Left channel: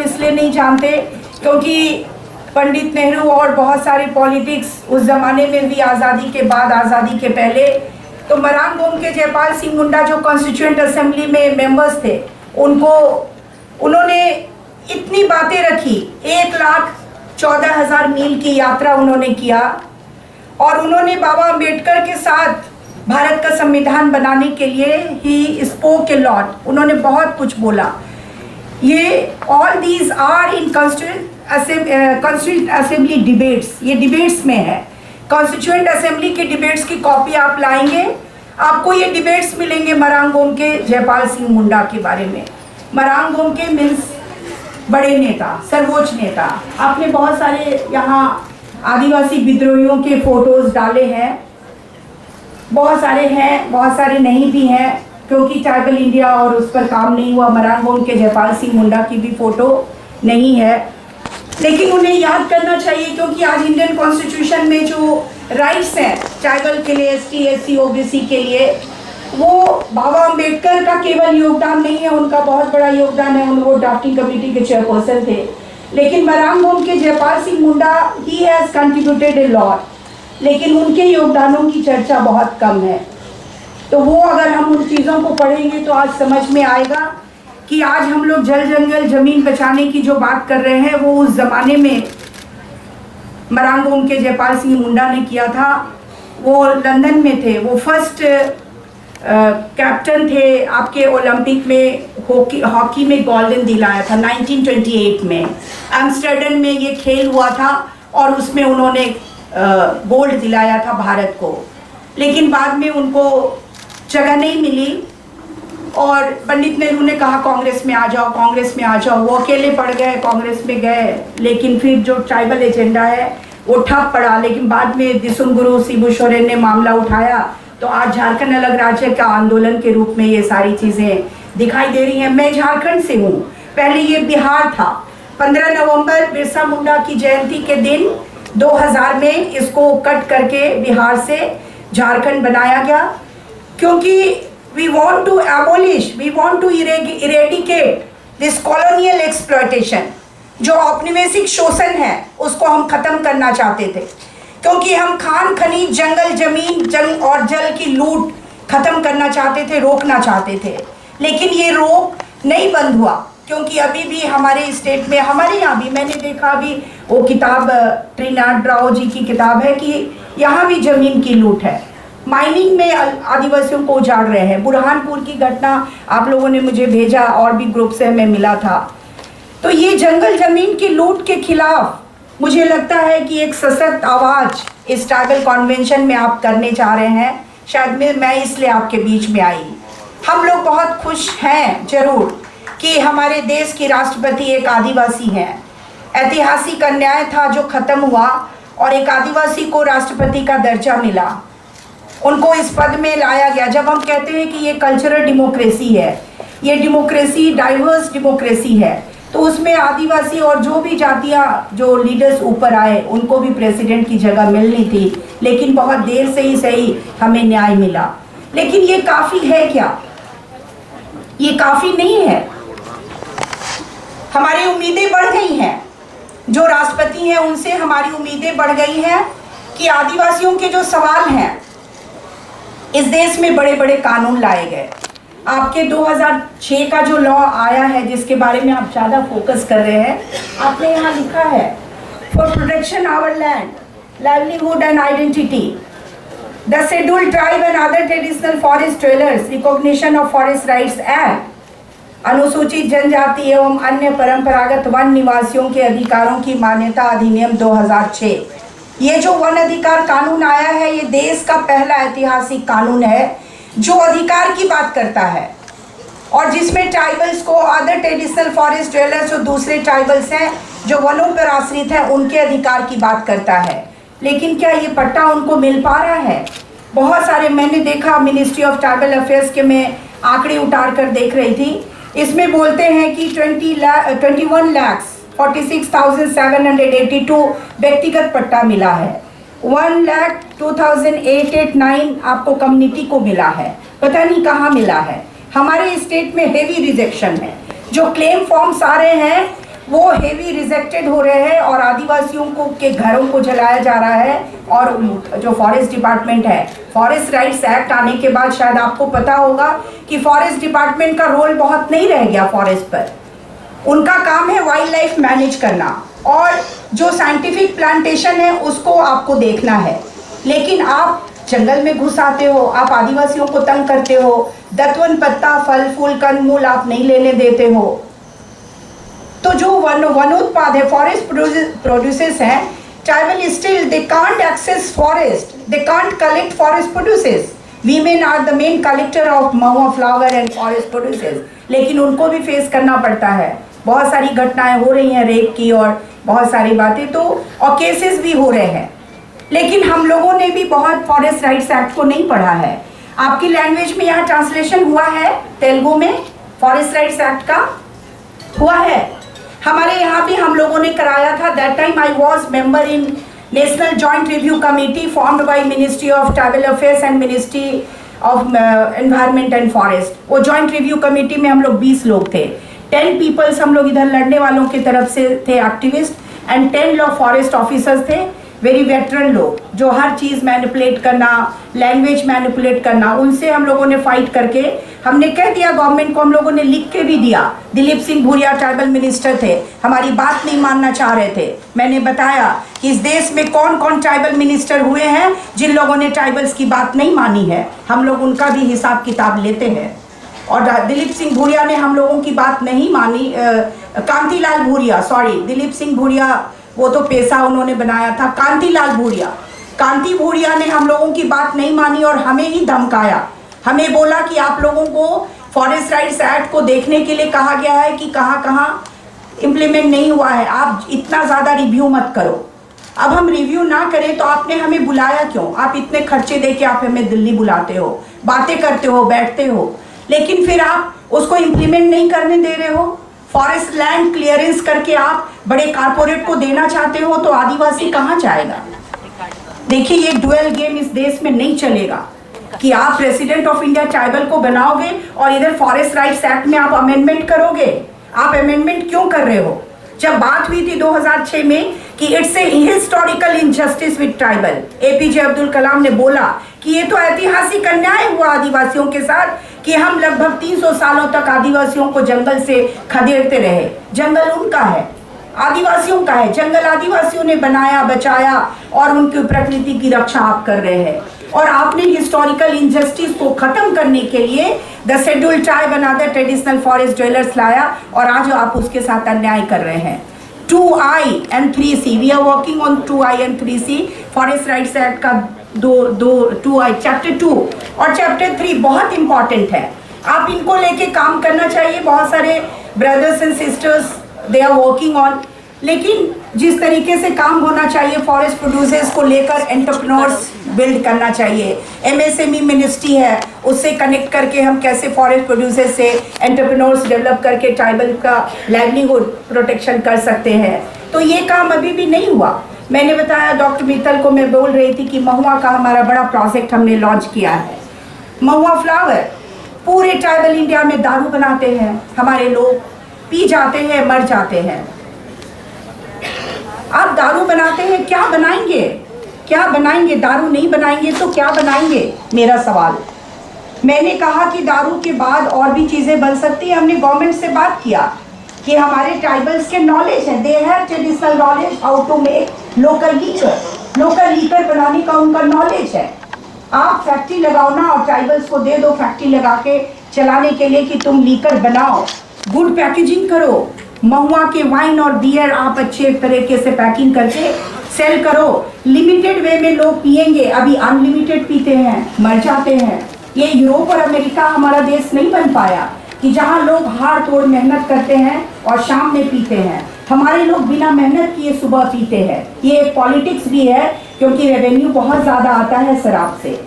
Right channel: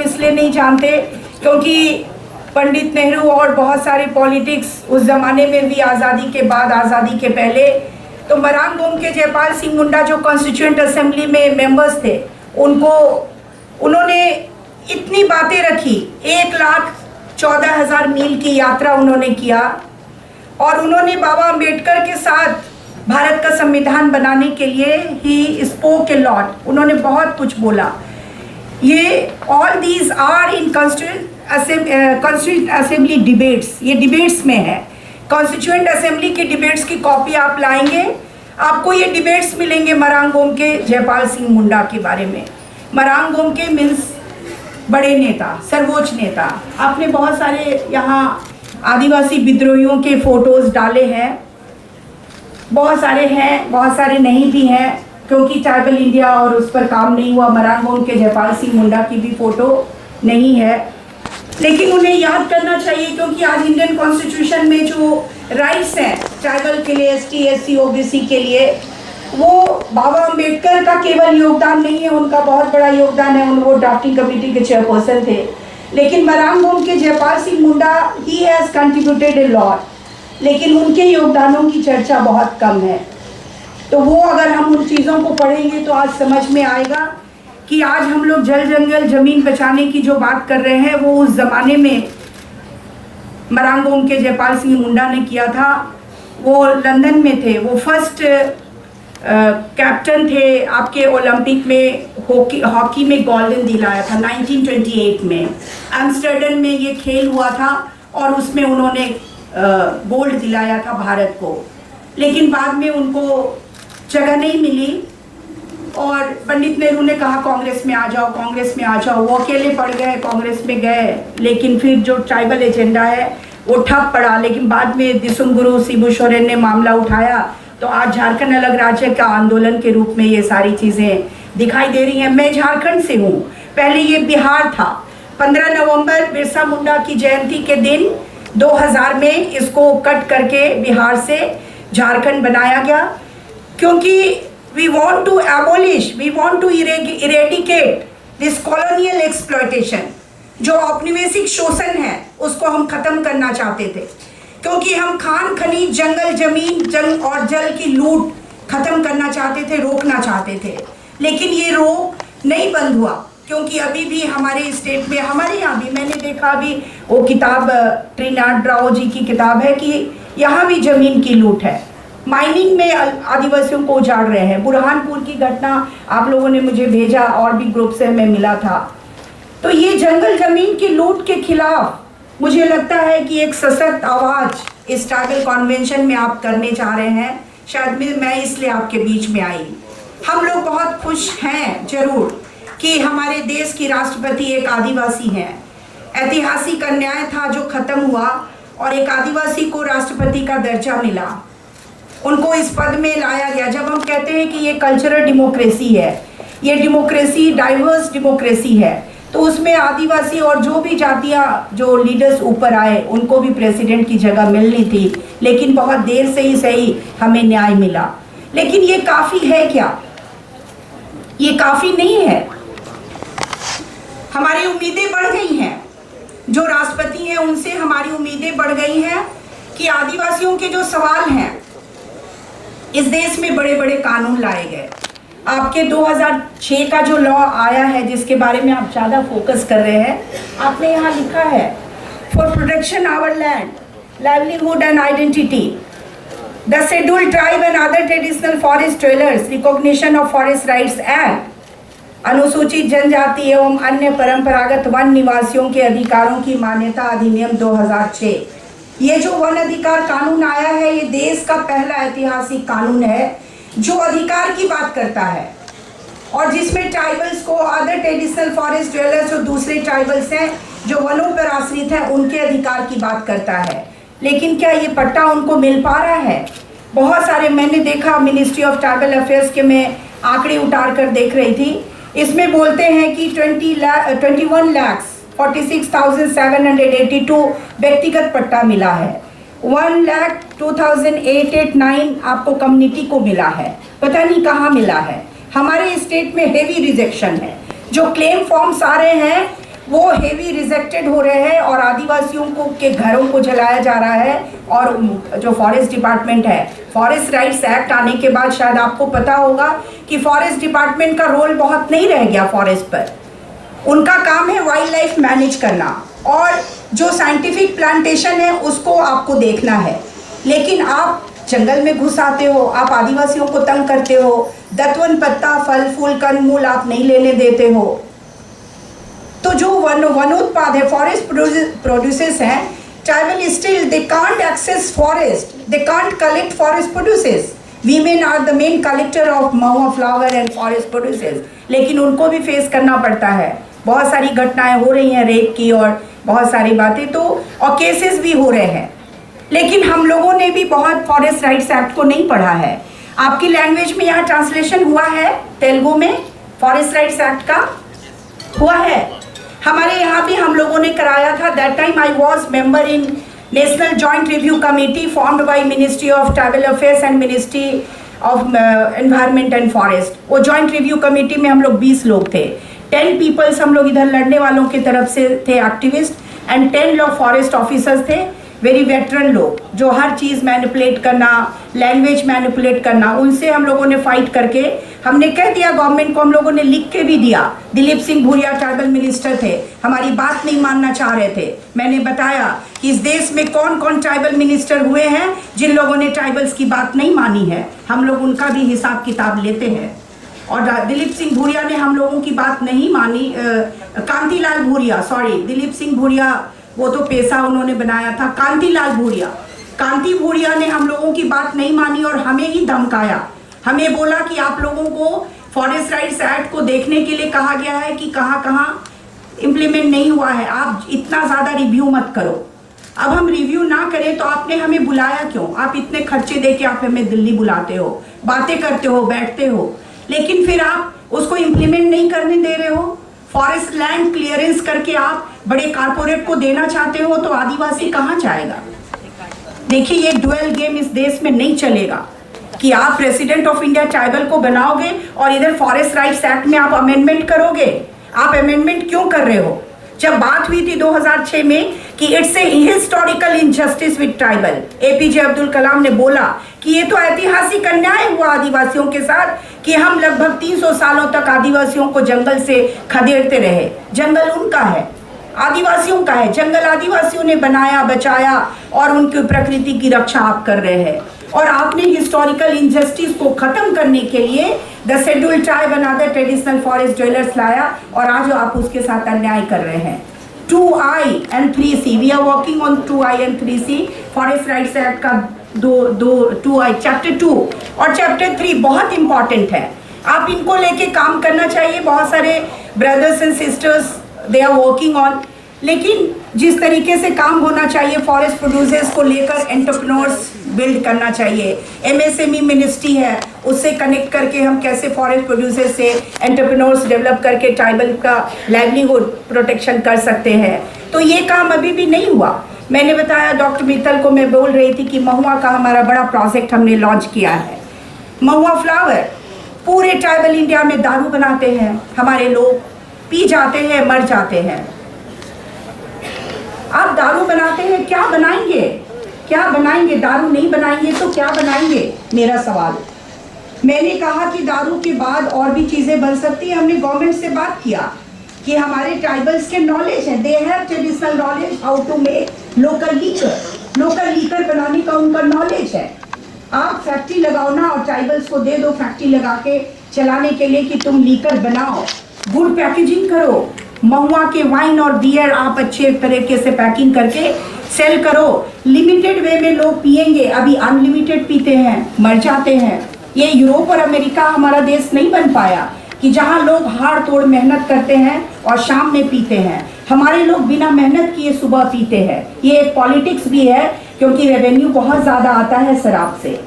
हम इसलिए नहीं जानते क्योंकि पंडित नेहरू और बहुत सारे पॉलिटिक्स उस ज़माने में भी, आज़ादी के बाद, आज़ादी के पहले, तो मरांग गोम के जयपाल सिंह मुंडा जो कॉन्स्टिट्यूएंट असेंबली में मेंबर्स थे, उन्होंने इतनी बातें रखी, 1,14,000 मील की यात्रा उन्होंने किया और उन्होंने बाबा अम्बेडकर के साथ भारत का संविधान बनाने के लिए ही स्पोक ए लॉट, उन्होंने बहुत कुछ बोला। ये all these are in constituent assembly debates, ये डिबेट्स में है। कॉन्स्टिट्यूएंट असेंबली की डिबेट्स की कॉपी आप लाएंगे, आपको ये डिबेट्स मिलेंगे मरांग गोम के जयपाल सिंह मुंडा के बारे में। मरांग गोम के मीन्स बड़े नेता, सर्वोच्च नेता। आपने बहुत सारे यहाँ आदिवासी विद्रोहियों के फोटोज डाले हैं, बहुत सारे हैं, बहुत सारे नहीं भी हैं, क्योंकि ट्राइबल इंडिया और उस पर काम नहीं हुआ। मरांग गोम के जयपाल सिंह मुंडा की भी फोटो नहीं है, लेकिन उन्हें याद करना चाहिए क्योंकि आज इंडियन कॉन्स्टिट्यूशन में जो राइट्स हैं ट्राइबल के लिए, ST SC OBC के लिए, वो बाबा अम्बेडकर का केवल योगदान नहीं है, उनका बहुत बड़ा योगदान है, वो ड्राफ्टिंग कमेटी के चेयरपर्सन थे। लेकिन Marang Gomke Jaipal Singh Munda he has contributed a lot, लेकिन उनके योगदानों की चर्चा बहुत कम है। तो वो अगर हम उन चीज़ों को पढ़ेंगे तो आज समझ में आएगा कि आज हम लोग जल जंगल ज़मीन बचाने की जो बात कर रहे हैं वो उस ज़माने में मरांग गोम के जयपाल सिंह मुंडा ने किया था। वो लंदन में थे, वो फर्स्ट कैप्टन थे आपके ओलंपिक में, हॉकी में गोल्डन दिलाया था 1928 में। एम्स्टर्डम में ये खेल हुआ था और उसमें उन्होंने गोल्ड दिलाया था भारत को, लेकिन बाद में उनको जगह नहीं मिली और पंडित नेहरू ने कहा कांग्रेस में आ जाओ, कांग्रेस में आ जाओ। वो अकेले पड़ गए, कांग्रेस में गए, लेकिन फिर जो ट्राइबल एजेंडा है वो ठप पड़ा। लेकिन बाद में दिसुंगुरु शिबू सोरेन ने मामला उठाया तो आज झारखंड अलग राज्य का आंदोलन के रूप में ये सारी चीज़ें दिखाई दे रही हैं। मैं झारखंड से हूँ, पहले ये बिहार था। 15 नवंबर बिरसा मुंडा की जयंती के दिन 2000 में इसको कट करके बिहार से झारखंड बनाया गया, क्योंकि we want to abolish, we want to eradicate this colonial exploitation, जो औपनिवेशिक शोषण है उसको हम खत्म करना चाहते थे, क्योंकि हम खान खनीज, जंगल जमीन, जल और जल की लूट खत्म करना चाहते थे, रोकना चाहते थे। लेकिन ये रोक नहीं बंद हुआ, क्योंकि अभी भी हमारे स्टेट में, हमारे यहाँ भी मैंने देखा, अभी वो किताब त्रिनाथ राव जी की किताब है कि यहाँ भी जमीन की लूट है, माइनिंग में आदिवासियों को उजाड़ रहे हैं। बुरहानपुर की घटना आप लोगों ने मुझे भेजा और भी ग्रुप से हमें मिला था। तो ये जंगल जमीन की लूट के खिलाफ मुझे लगता है कि एक सशक्त आवाज़ इस ट्राइबल कन्वेंशन में आप करने जा रहे हैं। शायद मैं इसलिए आपके बीच में आई। हम लोग बहुत खुश हैं जरूर कि हमारे देश की राष्ट्रपति एक आदिवासी हैं। ऐतिहासिक अन्याय था जो ख़त्म हुआ और एक आदिवासी को राष्ट्रपति का दर्जा मिला, उनको इस पद में लाया गया। जब हम कहते हैं कि ये कल्चरल डेमोक्रेसी है, ये डेमोक्रेसी डाइवर्स डेमोक्रेसी है, तो उसमें आदिवासी और जो भी जातियाँ, जो लीडर्स ऊपर आए, उनको भी प्रेसिडेंट की जगह मिलनी थी, लेकिन बहुत देर से ही सही हमें न्याय मिला। लेकिन ये काफ़ी है क्या? ये काफ़ी नहीं है। हमारी उम्मीदें बढ़ गई हैं, जो राष्ट्रपति हैं उनसे हमारी उम्मीदें बढ़ गई हैं कि आदिवासियों के जो सवाल हैं, इस देश में बड़े बड़े कानून लाए गए। आपके 2006 का जो लॉ आया है, जिसके बारे में आप ज़्यादा फोकस कर रहे हैं, आपने यहाँ लिखा है for protection our land, livelihood and identity, the scheduled tribe and other traditional forest trailers, recognition of forest rights act, अनुसूचित जनजाति एवं अन्य परंपरागत वन निवासियों के अधिकारों की मान्यता अधिनियम 2006। ये जो वन अधिकार कानून आया है, ये देश का पहला ऐतिहासिक कानून है जो अधिकार की बात करता है और जिसमें ट्राइबल्स को, अदर ट्रेडिशनल फॉरेस्ट ड्वेलर्स, जो दूसरे ट्राइबल्स हैं जो वनों पर आश्रित हैं, उनके अधिकार की बात करता है। लेकिन क्या ये पट्टा उनको मिल पा रहा है? बहुत सारे मैंने देखा, मिनिस्ट्री ऑफ ट्राइबल अफेयर्स के मैं आंकड़े उतार कर देख रही थी, इसमें बोलते हैं कि 21,46,782 व्यक्तिगत पट्टा मिला है, 1,02,889 आपको कम्युनिटी को मिला है। पता नहीं कहाँ मिला है। हमारे स्टेट में हेवी रिजेक्शन है। जो क्लेम फॉर्म्स आ रहे हैं वो हेवी रिजेक्टेड हो रहे हैं और आदिवासियों को के घरों को जलाया जा रहा है। और जो फॉरेस्ट डिपार्टमेंट है, फॉरेस्ट राइट्स एक्ट आने के बाद शायद आपको पता होगा कि फॉरेस्ट डिपार्टमेंट का रोल बहुत नहीं रह गया फॉरेस्ट पर। उनका काम है वाइल्ड लाइफ मैनेज करना और जो साइंटिफिक प्लांटेशन है उसको आपको देखना है। लेकिन आप जंगल में घुस आते हो, आप आदिवासियों को तंग करते हो, दतवन पत्ता, फल फूल, कंद मूल आप नहीं लेने देते हो। तो जो वनोत्पाद है, फॉरेस्ट प्रोड्यूसेस हैं, tribal still they can't access forest, they can't collect forest produces. Women are the main collector of mahua flower and forest produces, लेकिन उनको भी फेस करना पड़ता है। बहुत सारी घटनाएं हो रही हैं रेप की और बहुत सारी बातें, तो और केसेस भी हो रहे हैं। लेकिन हम लोगों ने भी बहुत फॉरेस्ट राइट्स एक्ट को नहीं पढ़ा है। आपकी लैंग्वेज में यहाँ ट्रांसलेशन हुआ है तेलुगु में फॉरेस्ट राइट्स एक्ट का? हुआ है। हमारे यहाँ भी हम लोगों ने कराया था। That time I was member in national joint review committee formed by ministry of tribal affairs and ministry of environment and forest. वो जॉइंट रिव्यू कमेटी में हम लोग 20 लोग थे। 10 पीपल्स हम लोग इधर लड़ने वालों की तरफ से थे, एक्टिविस्ट, एंड 10 लोग फॉरेस्ट ऑफिसर्स थे, वेरी वेटरन लोग, जो हर चीज़ मैनिपुलेट करना, लैंग्वेज मैनिपुलेट करना, उनसे हम लोगों ने फाइट करके हमने कह दिया गवर्नमेंट को, हम लोगों ने लिख के भी दिया। दिलीप सिंह भूरिया ट्राइबल मिनिस्टर थे, हमारी बात नहीं मानना चाह रहे थे। मैंने बताया कि इस देश में कौन कौन ट्राइबल मिनिस्टर हुए हैं जिन लोगों ने ट्राइबल्स की बात नहीं मानी है, हम लोग उनका भी हिसाब किताब लेते हैं। और दिलीप सिंह भूरिया ने हम लोगों की बात नहीं मानी। कांतिलाल भूरिया, सॉरी, दिलीप सिंह भूरिया वो तो पैसा उन्होंने बनाया था। कांति भूरिया ने हम लोगों की बात नहीं मानी और हमें ही धमकाया। हमें बोला कि आप लोगों को फॉरेस्ट राइट्स एक्ट को देखने के लिए कहा गया है कि कहाँ कहाँ इम्प्लीमेंट नहीं हुआ है, आप इतना ज़्यादा रिव्यू मत करो। अब हम रिव्यू ना करें तो आपने हमें बुलाया क्यों? आप इतने खर्चे दे के आप हमें दिल्ली बुलाते हो, बातें करते हो, बैठते हो, लेकिन फिर आप उसको इम्प्लीमेंट नहीं करने दे रहे हो। फॉरेस्ट लैंड क्लियरेंस करके आप बड़े कारपोरेट को देना चाहते हो, तो आदिवासी कहाँ जाएगा? देखिए, ये डुअल गेम इस देश में नहीं चलेगा कि आप प्रेसिडेंट ऑफ इंडिया ट्राइबल को बनाओगे और इधर फॉरेस्ट राइट्स एक्ट में आप अमेंडमेंट करोगे। आप अमेंडमेंट क्यों कर रहे हो? जब बात हुई थी 2006 में कि it's a historical injustice with tribal, APJ Abdul Kalam ने बोला कि ये तो ऐतिहासिक अन्याय हुआ आदिवासियों के साथ कि हम लगभग 300 सालों तक आदिवासियों को जंगल से खदेड़ते रहे। जंगल उनका है, आदिवासियों का है। जंगल आदिवासियों ने बनाया, बचाया और उनकी प्रकृति की रक्षा आप कर रहे हैं। और आपने हिस्टोरिकल इनजस्टिस को खत्म करने के लिए the scheduled tribe and other traditional forest dwellers लाया और आज आप उसके साथ अन्याय कर रहे हैं। 2I and 3C, we are working on 2I and 3C forest rights act का 2I चैप्टर 2 और चैप्टर 3 बहुत इंपॉर्टेंट है। आप इनको लेके काम करना चाहिए। बहुत सारे brothers and sisters they are working on, लेकिन जिस तरीके से काम होना चाहिए फॉरेस्ट प्रोड्यूसर्स को लेकर एंटरप्रेन्योर्स बिल्ड करना चाहिए। MSME मिनिस्ट्री है, उससे कनेक्ट करके हम कैसे फॉरेस्ट प्रोड्यूसर्स से एंटरप्रेन्योर्स डेवलप करके ट्राइबल का लाइवलीहुड प्रोटेक्शन कर सकते हैं। तो ये काम अभी भी नहीं हुआ। मैंने बताया, डॉक्टर मित्तल को मैं बोल रही थी कि महुआ का हमारा बड़ा प्रोजेक्ट हमने लॉन्च किया है। महुआ फ्लावर पूरे ट्राइबल इंडिया में दारू बनाते हैं, हमारे लोग पी जाते हैं, मर जाते हैं। आप दारू बनाते हैं, क्या बनाएंगे? क्या बनाएंगे? दारू नहीं बनाएंगे तो क्या बनाएंगे? मेरा सवाल। मैंने कहा कि दारू के बाद और भी चीज़ें बन सकती हैं। हमने गवर्नमेंट से बात किया कि हमारे ट्राइबल्स के नॉलेज है, they have traditional knowledge how to make local liquor बनाने का उनका नॉलेज है। आप फैक्ट्री लगाओ ना और ट्राइबल्स को दे दो फैक्ट्री लगा के चलाने के लिए कि तुम लीकर बनाओ, गुड पैकेजिंग करो। महुआ के वाइन और बियर आप अच्छे तरीके से पैकिंग करके सेल करो। लिमिटेड वे में लोग पिएंगे, अभी अनलिमिटेड पीते हैं, मर जाते हैं। ये यूरोप और अमेरिका हमारा देश नहीं बन पाया कि जहाँ लोग हाड़ तोड़ मेहनत करते हैं और शाम में पीते हैं। हमारे लोग बिना मेहनत किए सुबह पीते हैं। ये एक पॉलिटिक्स भी है क्योंकि रेवेन्यू बहुत ज़्यादा आता है शराब से।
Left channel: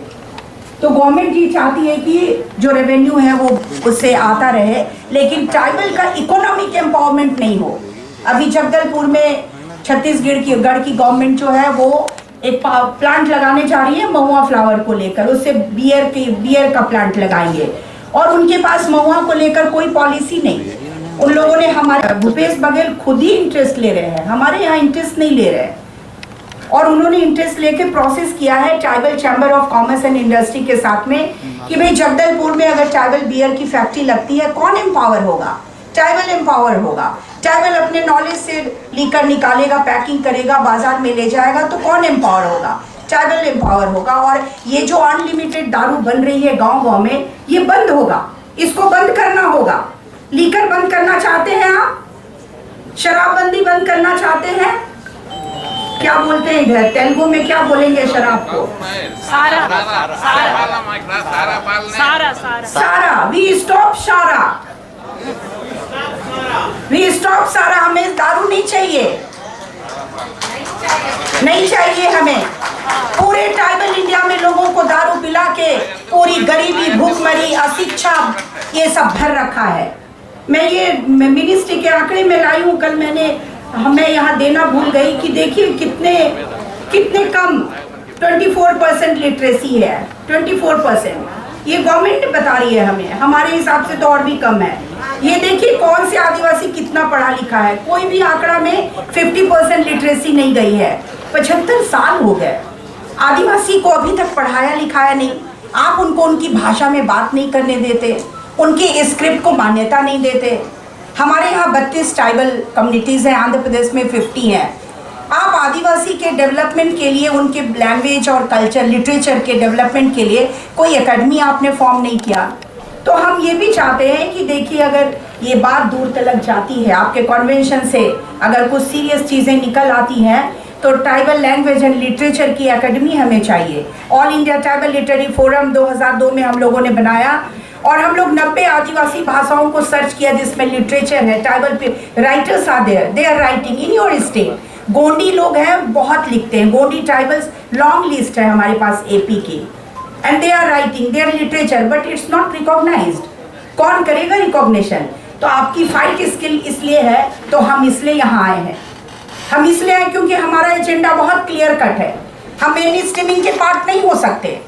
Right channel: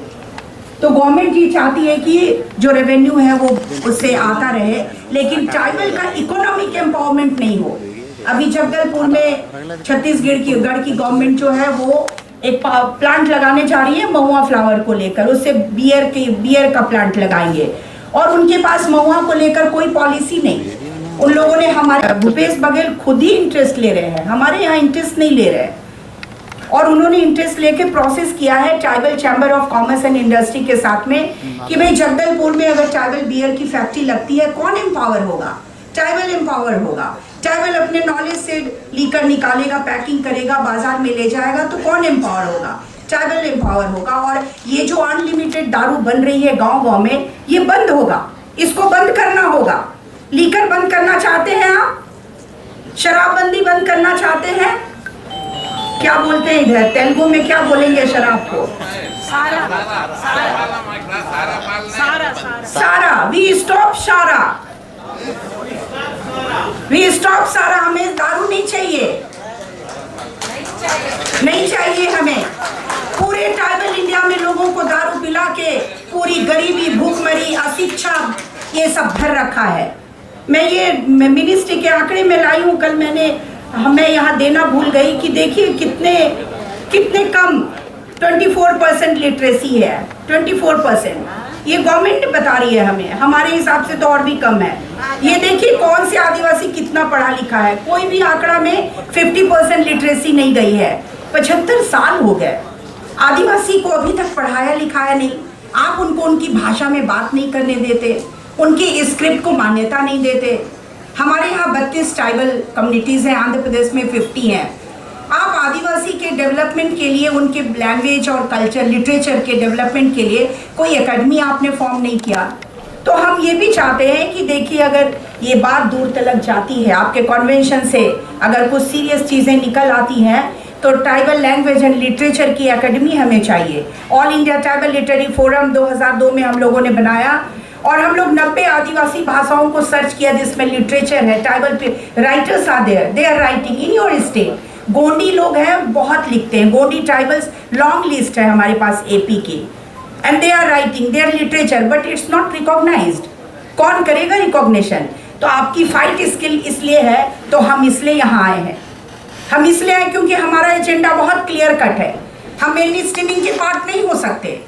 तो गवर्नमेंट ये चाहती है कि जो रेवेन्यू है वो उससे आता रहे, लेकिन ट्राइबल का इकोनॉमिक एम्पावरमेंट नहीं हो। अभी जगदलपुर में छत्तीसगढ़ की गवर्नमेंट जो है वो एक प्लांट लगाने जा रही है महुआ फ्लावर को लेकर। उससे बियर का प्लांट लगाएंगे और उनके पास महुआ को लेकर कोई पॉलिसी नहीं। उन लोगों ने हमारे भूपेश बघेल खुद ही इंटरेस्ट ले रहे हैं, हमारे यहाँ इंटरेस्ट नहीं ले रहे हैं। और उन्होंने इंटरेस्ट लेके प्रोसेस किया है tribal chamber of commerce and industry के साथ में कि भाई जगदलपुर में अगर ट्राइबल बियर की फैक्ट्री लगती है, कौन एम्पावर होगा? ट्राइबल एम्पावर होगा। ट्राइबल अपने नॉलेज से लीकर निकालेगा, पैकिंग करेगा, बाजार में ले जाएगा, तो कौन एम्पावर होगा? ट्राइबल एम्पावर होगा। और ये जो अनलिमिटेड दारू बन रही है गांव-गांव में, ये बंद होगा, इसको बंद करना होगा। लीकर बंद करना चाहते हैं आप? शराबबंदी बंद करना चाहते हैं? क्या बोलते हैं इधर तेलुगु में, क्या बोलेंगे शराब को? सारा सारा। वी स्टॉप सारा, वी स्टॉप सारा। हमें दारू नहीं चाहिए, नहीं चाहिए हमें। पूरे ट्राइबल इंडिया में लोगों को दारू पिला के पूरी गरीबी, भूखमरी, अशिक्षा ये सब भर रखा है। मैं ये मिनिस्ट्री के आंकड़े में लाई हूँ, कल मैं यहाँ देना भूल गई कि देखिए कितने कम 24% लिटरेसी है। 24% ये गवर्नमेंट बता रही है हमें, हमारे हिसाब से तो और भी कम है। ये देखिए कौन से आदिवासी कितना पढ़ा लिखा है, कोई भी आंकड़ा में 50% लिटरेसी नहीं गई है। 75 साल हो गए, आदिवासी को अभी तक पढ़ाया लिखाया नहीं। आप उनको उनकी भाषा में बात नहीं करने देते, उनकी स्क्रिप्ट को मान्यता नहीं देते। हमारे यहाँ 32 ट्राइबल कम्युनिटीज़ हैं, आंध्र प्रदेश में 50 हैं। आप आदिवासी के डेवलपमेंट के लिए, उनके लैंग्वेज और कल्चर, लिटरेचर के डेवलपमेंट के लिए कोई एकेडमी आपने फॉर्म नहीं किया। तो हम ये भी चाहते हैं कि देखिए अगर ये बात दूर तक जाती है, आपके कन्वेंशन से अगर कुछ सीरियस चीज़ें निकल आती हैं, तो ट्राइबल लैंग्वेज एंड लिटरेचर की एकेडमी हमें चाहिए। All India tribal literary forum 2002 में हम लोगों ने बनाया और हम लोग 90 आदिवासी भाषाओं को सर्च किया जिसमें लिटरेचर है। Tribal writers are there, they are writing in your state. Gondi लोग हैं, बहुत लिखते हैं। गोंडी ट्राइबल्स लॉन्ग लिस्ट है हमारे पास एपी की, and they are writing their literature, but it's not recognised. कौन करेगा रिकॉग्निशन? तो आपकी फाइट स्किल इसलिए है, तो हम इसलिए यहाँ आए हैं। हम इसलिए आए क्योंकि हमारा एजेंडा बहुत क्लियर कट है। हम मेन स्ट्रीमिंग के पार्ट नहीं हो सकते।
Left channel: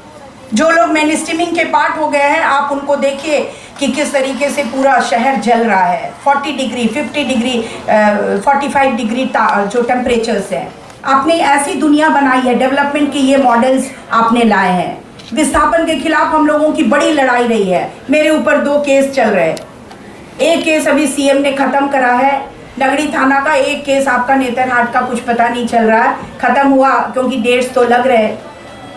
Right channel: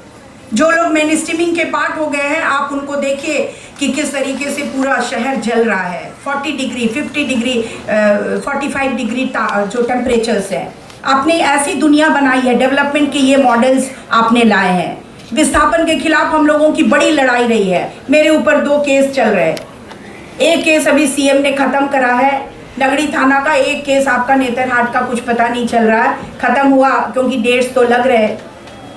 जो लोग मेन स्ट्रीमिंग के पार्ट हो गए हैं, आप उनको देखिए कि किस तरीके से पूरा शहर जल रहा है। 40 डिग्री, 50 डिग्री, 45 डिग्री जो टेम्परेचर्स हैं। आपने ऐसी दुनिया बनाई है, डेवलपमेंट के ये मॉडल्स आपने लाए हैं। विस्थापन के खिलाफ हम लोगों की बड़ी लड़ाई रही है। मेरे ऊपर 2 केस चल रहे हैं। एक केस अभी सीएम ने ख़त्म करा है नगड़ी थाना का, एक केस आपका नेतरहाट का कुछ पता नहीं चल रहा है, ख़त्म हुआ क्योंकि डेट्स तो लग रहे।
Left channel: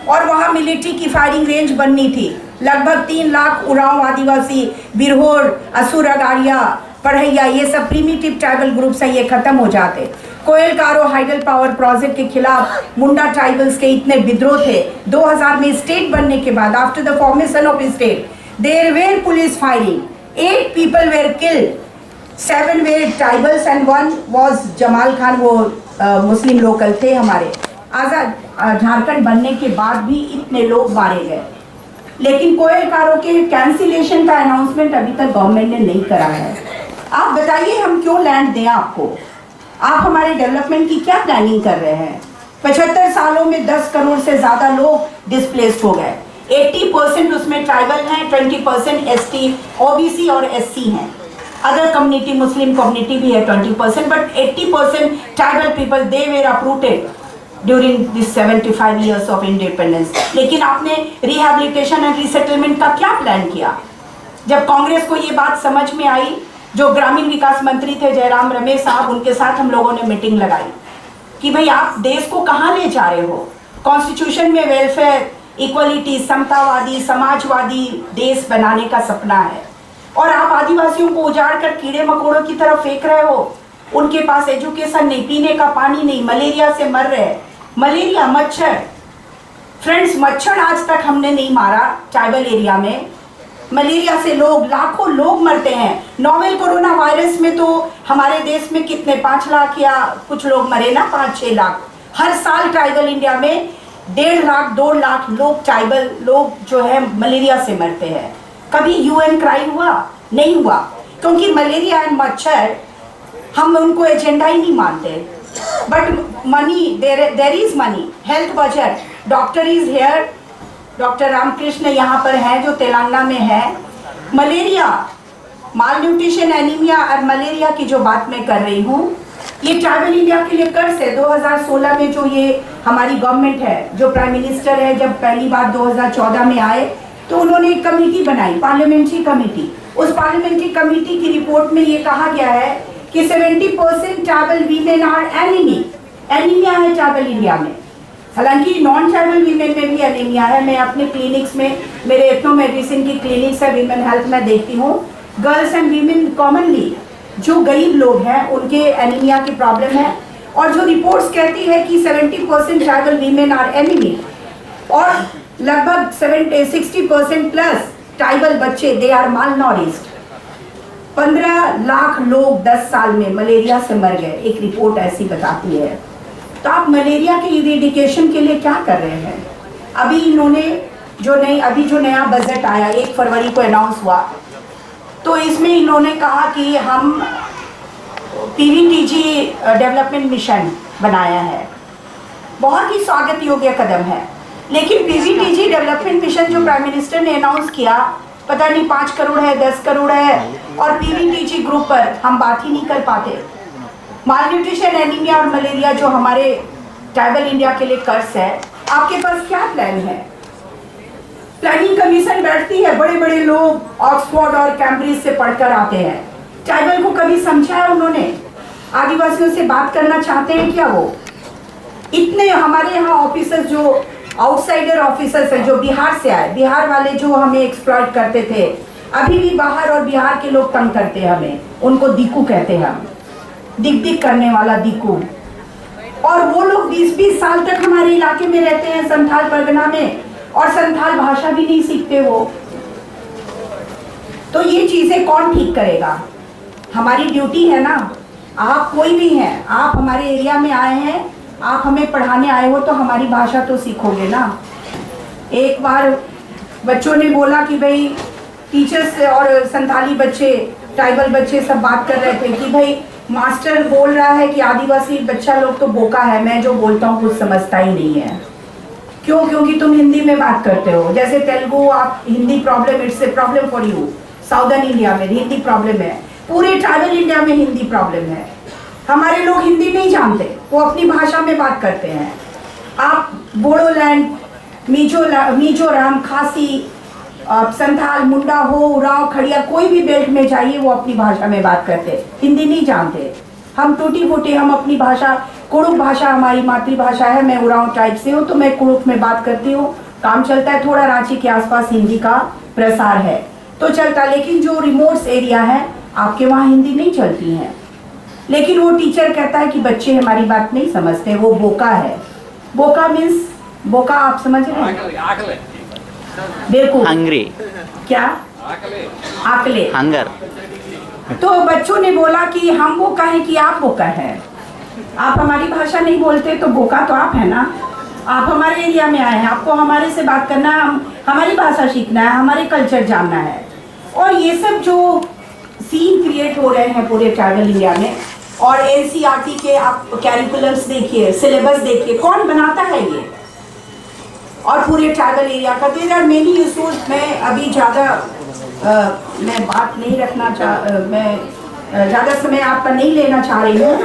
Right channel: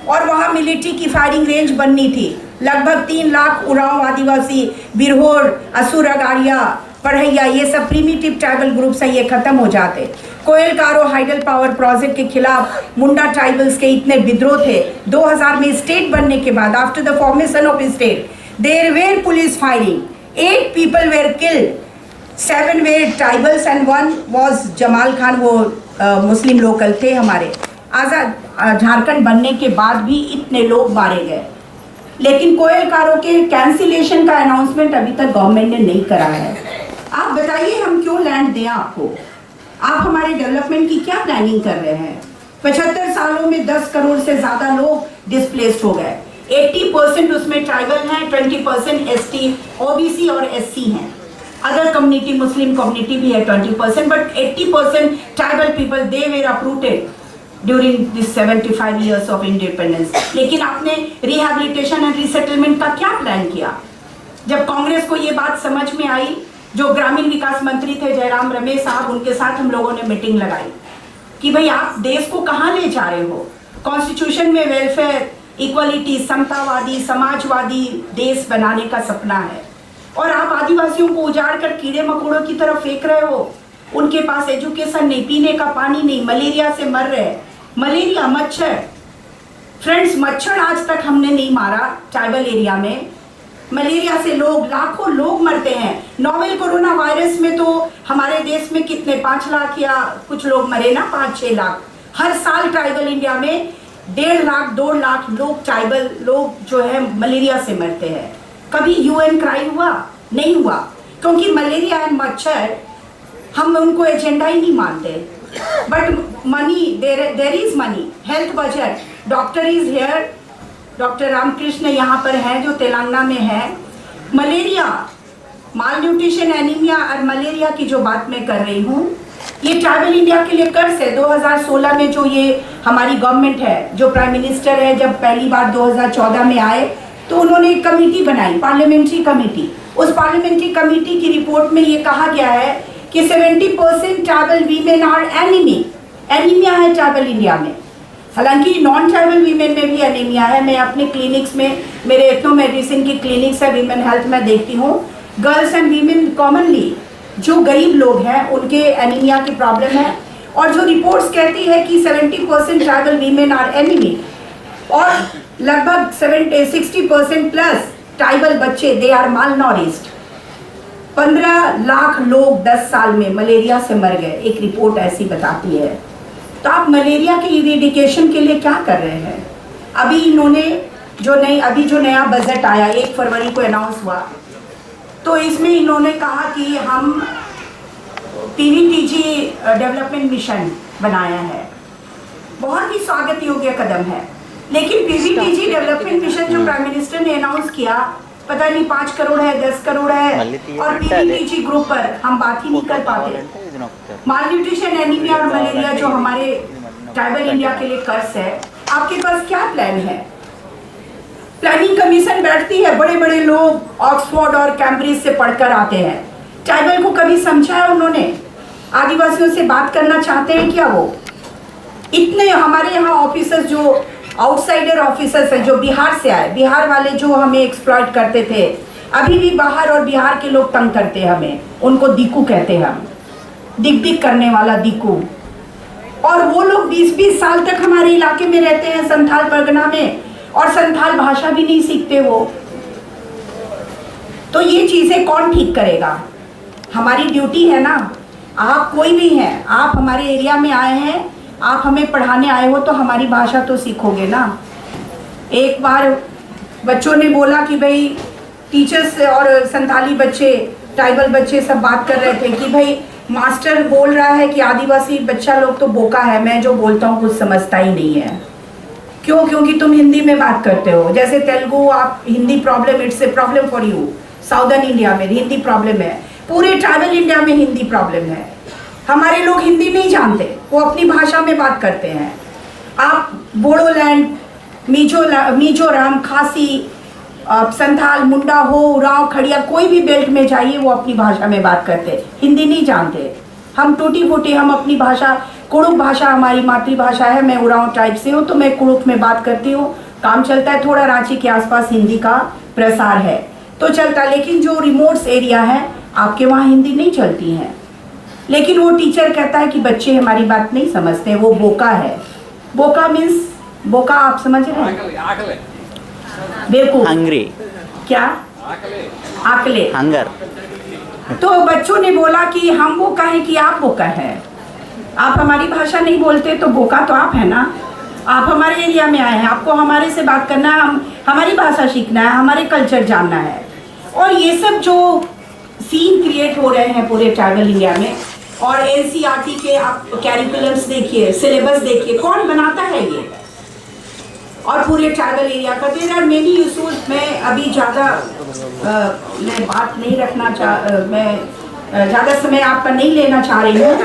और वहाँ मिलिट्री की फायरिंग रेंज बननी थी। लगभग 3 लाख उरांव आदिवासी, बिरहोर, असुर अगाड़िया, पढ़ैया, ये सब प्रीमिटिव ट्राइबल ग्रुप्स हैं, ये खत्म हो जाते। कोयल कारो हाइडल पावर प्रोजेक्ट के खिलाफ मुंडा ट्राइबल्स के इतने विद्रोह थे। 2000 में स्टेट बनने के बाद, after the formation of state, there were police firing, 8 people were killed, 7 were tribals and 1 was Jamal Khan, वो मुस्लिम लोकल थे हमारे। आज़ाद झारखंड बनने के बाद भी इतने लोग मारे गए। लेकिन कोयल कारो के कैंसिलेशन का अनाउंसमेंट अभी तक गवर्नमेंट ने नहीं करा है। आप बताइए हम क्यों लैंड दें आपको? आप हमारे डेवलपमेंट की क्या प्लानिंग कर रहे हैं? 75 सालों में 10 करोड़ से ज़्यादा लोग डिस्प्लेस्ड हो गए। 80% उसमें ट्राइबल हैं, 20% एसटी, ओबीसी और एससी हैं। अदर कम्युनिटी, मुस्लिम कम्युनिटी भी है 20%, but 80% tribal people, they were uprooted during this 75 years of independence. लेकिन आपने रिहैबिलिटेशन एंड रिसेटलमेंट का क्या प्लान किया? जब कांग्रेस को ये बात समझ में आई, जो ग्रामीण विकास मंत्री थे जयराम रमेश साहब, उनके साथ हम लोगों ने मीटिंग लगाई कि भाई आप देश को कहाँ ले जा रहे हो? कॉन्स्टिट्यूशन में वेलफेयर, इक्वलिटी, समतावादी, समाजवादी देश बनाने का सपना है, और आप आदिवासियों को उजाड़ कर कीड़े मकोड़ों की तरफ फेंक रहे हो। उनके पास एजुकेशन नहीं, पीने का पानी नहीं, मलेरिया से मर रहे। मलेरिया, मच्छर, फ्रेंड्स, मच्छर आज तक हमने नहीं मारा ट्राइबल एरिया में। मलेरिया से लोग, लाखों लोग मरते हैं। नोवेल कोरोना वायरस में तो हमारे देश में कितने 5 लाख या कुछ लोग मरे ना, 5-6 लाख। हर साल ट्राइबल इंडिया में 1.5 लाख 2 लाख लोग, ट्राइबल लोग जो है मलेरिया से मरते हैं। कभी यूएन क्राई हुआ? नहीं हुआ, क्योंकि मलेरिया एंड मच्छर हम उनको एजेंडा ही नहीं मानते। But money, there is money, health budget, doctor is here, doctor Ramakrishna यहाँ पर है जो तेलंगाना में है। मलेरिया माल न्यूट्रिशन, एनीमिया और मलेरिया की जो बात मैं कर रही हूँ, ये ट्राइबल इंडिया के लिए कर्ज है। 2016 में जो ये हमारी गवर्नमेंट है, जो प्राइम मिनिस्टर है, जब पहली बार 2014 में आए तो उन्होंने एक कमेटी बनाई, पार्लियामेंट्री कमेटी। उस पार्लियामेंट्री कमेटी की रिपोर्ट में ये कहा गया है कि 70% ट्राइबल वीमेन आर एनीमिया है ट्राइबल इंडिया में। हालांकि नॉन ट्राइबल वीमेन में भी एनीमिया है। मैं अपने क्लिनिक्स में, मेरे एथनो मेडिसिन की क्लिनिक्स है, वीमेन हेल्थ में देखती हूँ, गर्ल्स एंड वीमेन कॉमनली जो गरीब लोग हैं उनके एनीमिया की प्रॉब्लम है। और जो रिपोर्ट्स कहती है कि 70% ट्राइबल वीमेन आर एनीमिक और लगभग 60% प्लस ट्राइबल बच्चे दे आर माल नॉरिश्ड। 15 लाख लोग 10 साल में मलेरिया से मर गए, एक रिपोर्ट ऐसी बताती है। तो आप मलेरिया के इरेडिकेशन के लिए क्या कर रहे हैं? अभी इन्होंने जो नया बजट आया 1 फरवरी को अनाउंस हुआ, तो इसमें इन्होंने कहा कि हम पीवीटीजी डेवलपमेंट मिशन बनाया है। बहुत ही स्वागत योग्य कदम है, लेकिन पीवीटीजी डेवलपमेंट मिशन जो प्राइम मिनिस्टर ने अनाउंस किया, पता नहीं 5 करोड़ है, 10 करोड़ है, और पीवीटीजी ग्रुप पर हम बात ही नहीं कर पाते। माल न्यूट्रिशन, एनीमिया और मलेरिया जो हमारे ट्राइबल इंडिया के लिए कर्ज है, आपके पास क्या प्लान है? प्लानिंग कमीशन बैठती है, बड़े बड़े लोग ऑक्सफोर्ड और कैम्ब्रिज से पढ़कर आते हैं। ट्राइबल को कभी समझा है उन्होंने? आदिवासियों से बात करना चाहते हैं क्या वो? इतने हमारे यहाँ ऑफिसर्स जो आउटसाइडर ऑफिसर्स हैं, जो बिहार से आए, बिहार वाले जो हमें एक्सप्लॉइट करते थे, अभी भी बाहर और बिहार के लोग तंग करते हैं हमें। उनको दीकू कहते हैं हम, दिक करने वाला दीकू। और वो लोग 20-20 साल तक हमारे इलाके में रहते हैं, संथाल परगना में, और संथाल भाषा भी नहीं सीखते वो। तो ये चीजें कौन ठीक करेगा? हमारी ड्यूटी है ना। आप कोई भी हैं, आप हमारे एरिया में आए हैं, आप हमें पढ़ाने आए हो, तो हमारी भाषा तो सीखोगे ना। एक बार बच्चों ने बोला कि भाई टीचर्स और संथाली बच्चे, ट्राइबल बच्चे सब बात कर रहे थे कि भाई मास्टर बोल रहा है कि आदिवासी बच्चा लोग तो बोका है, मैं जो बोलता हूँ कुछ समझता ही नहीं है। क्यों? क्योंकि तुम हिंदी में बात करते हो। जैसे तेलुगु, आप Hindi problem, it's a problem for you. Southern India में हिंदी प्रॉब्लम है, पूरे ट्राइबल इंडिया में हिंदी प्रॉब्लम है। हमारे लोग हिंदी नहीं जानते, वो अपनी भाषा में बात करते हैं। आप बोडोलैंड, मिजोरम, खासी, संथाल, मुंडा हो, उरांव, खड़िया, कोई भी बेल्ट में जाइए, वो अपनी भाषा में बात करते, हिंदी नहीं जानते। हम टूटी फूटी, हम अपनी भाषा, कुड़ुक भाषा हमारी मातृभाषा है। मैं उरांव टाइप से हूँ, तो मैं कुड़ुक में बात करती हूँ, काम चलता है। थोड़ा रांची के आसपास हिंदी का प्रसार है तो चलता, लेकिन जो रिमोट्स एरिया है आपके वहाँ हिंदी नहीं चलती है। लेकिन वो टीचर कहता है कि बच्चे हमारी बात नहीं समझते, वो बोका है। बोका मीन्स, बोका आप समझ रहे हैं? बेवकूफ, हंग्री, क्या आकले, हंगर। तो बच्चों ने बोला कि हम बोका हैं कि आप बोका हैं? आप हमारी भाषा नहीं बोलते तो बोका तो आप है ना। आप हमारे एरिया में आए हैं, आपको हमारे से बात करना है, हमारी भाषा सीखना है, हमारे कल्चर जानना है। और ये सब जो सीन क्रिएट हो रहे हैं पूरे ट्राइबल इंडिया में, और एनसीईआरटी के आप कैरिकुलम्स देखिए, सिलेबस देखिए, कौन बनाता है ये? और पूरे ट्राइबल एरिया का देर आर मेनी इशूज। मैं अभी ज़्यादा मैं बात नहीं रखना मैं ज़्यादा समय आपका नहीं लेना चाह रही हूँ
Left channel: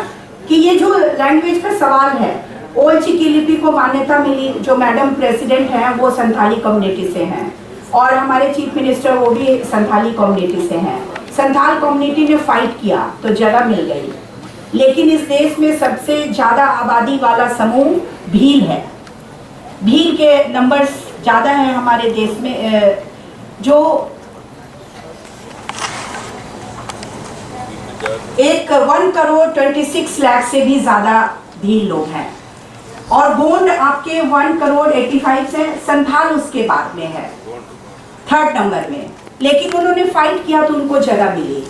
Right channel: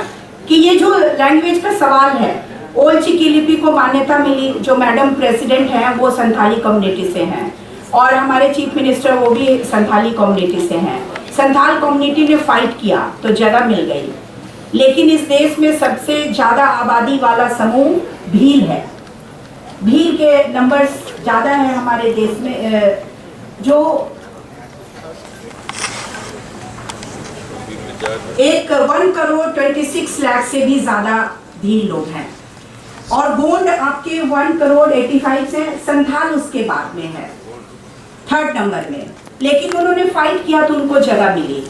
कि ये जो लैंग्वेज का सवाल है, ओल्ड चिकी लिपि को मान्यता मिली, जो मैडम प्रेसिडेंट हैं वो संथाली कम्युनिटी से हैं, और हमारे चीफ मिनिस्टर वो भी संथाली कम्युनिटी से हैं। संथाल कम्युनिटी ने फाइट किया तो जगह मिल गई, लेकिन इस देश में सबसे ज़्यादा आबादी वाला समूह भील है। भील के नंबर्स ज़्यादा हैं हमारे देश में, जो 1 करोड़ 26 लाख से भी ज़्यादा भील लोग हैं, और गोंड आपके 1 करोड़ 85 से, संथाल उसके बाद में है 3rd नंबर में। लेकिन उन्होंने फाइट किया तो उनको जगह मिली।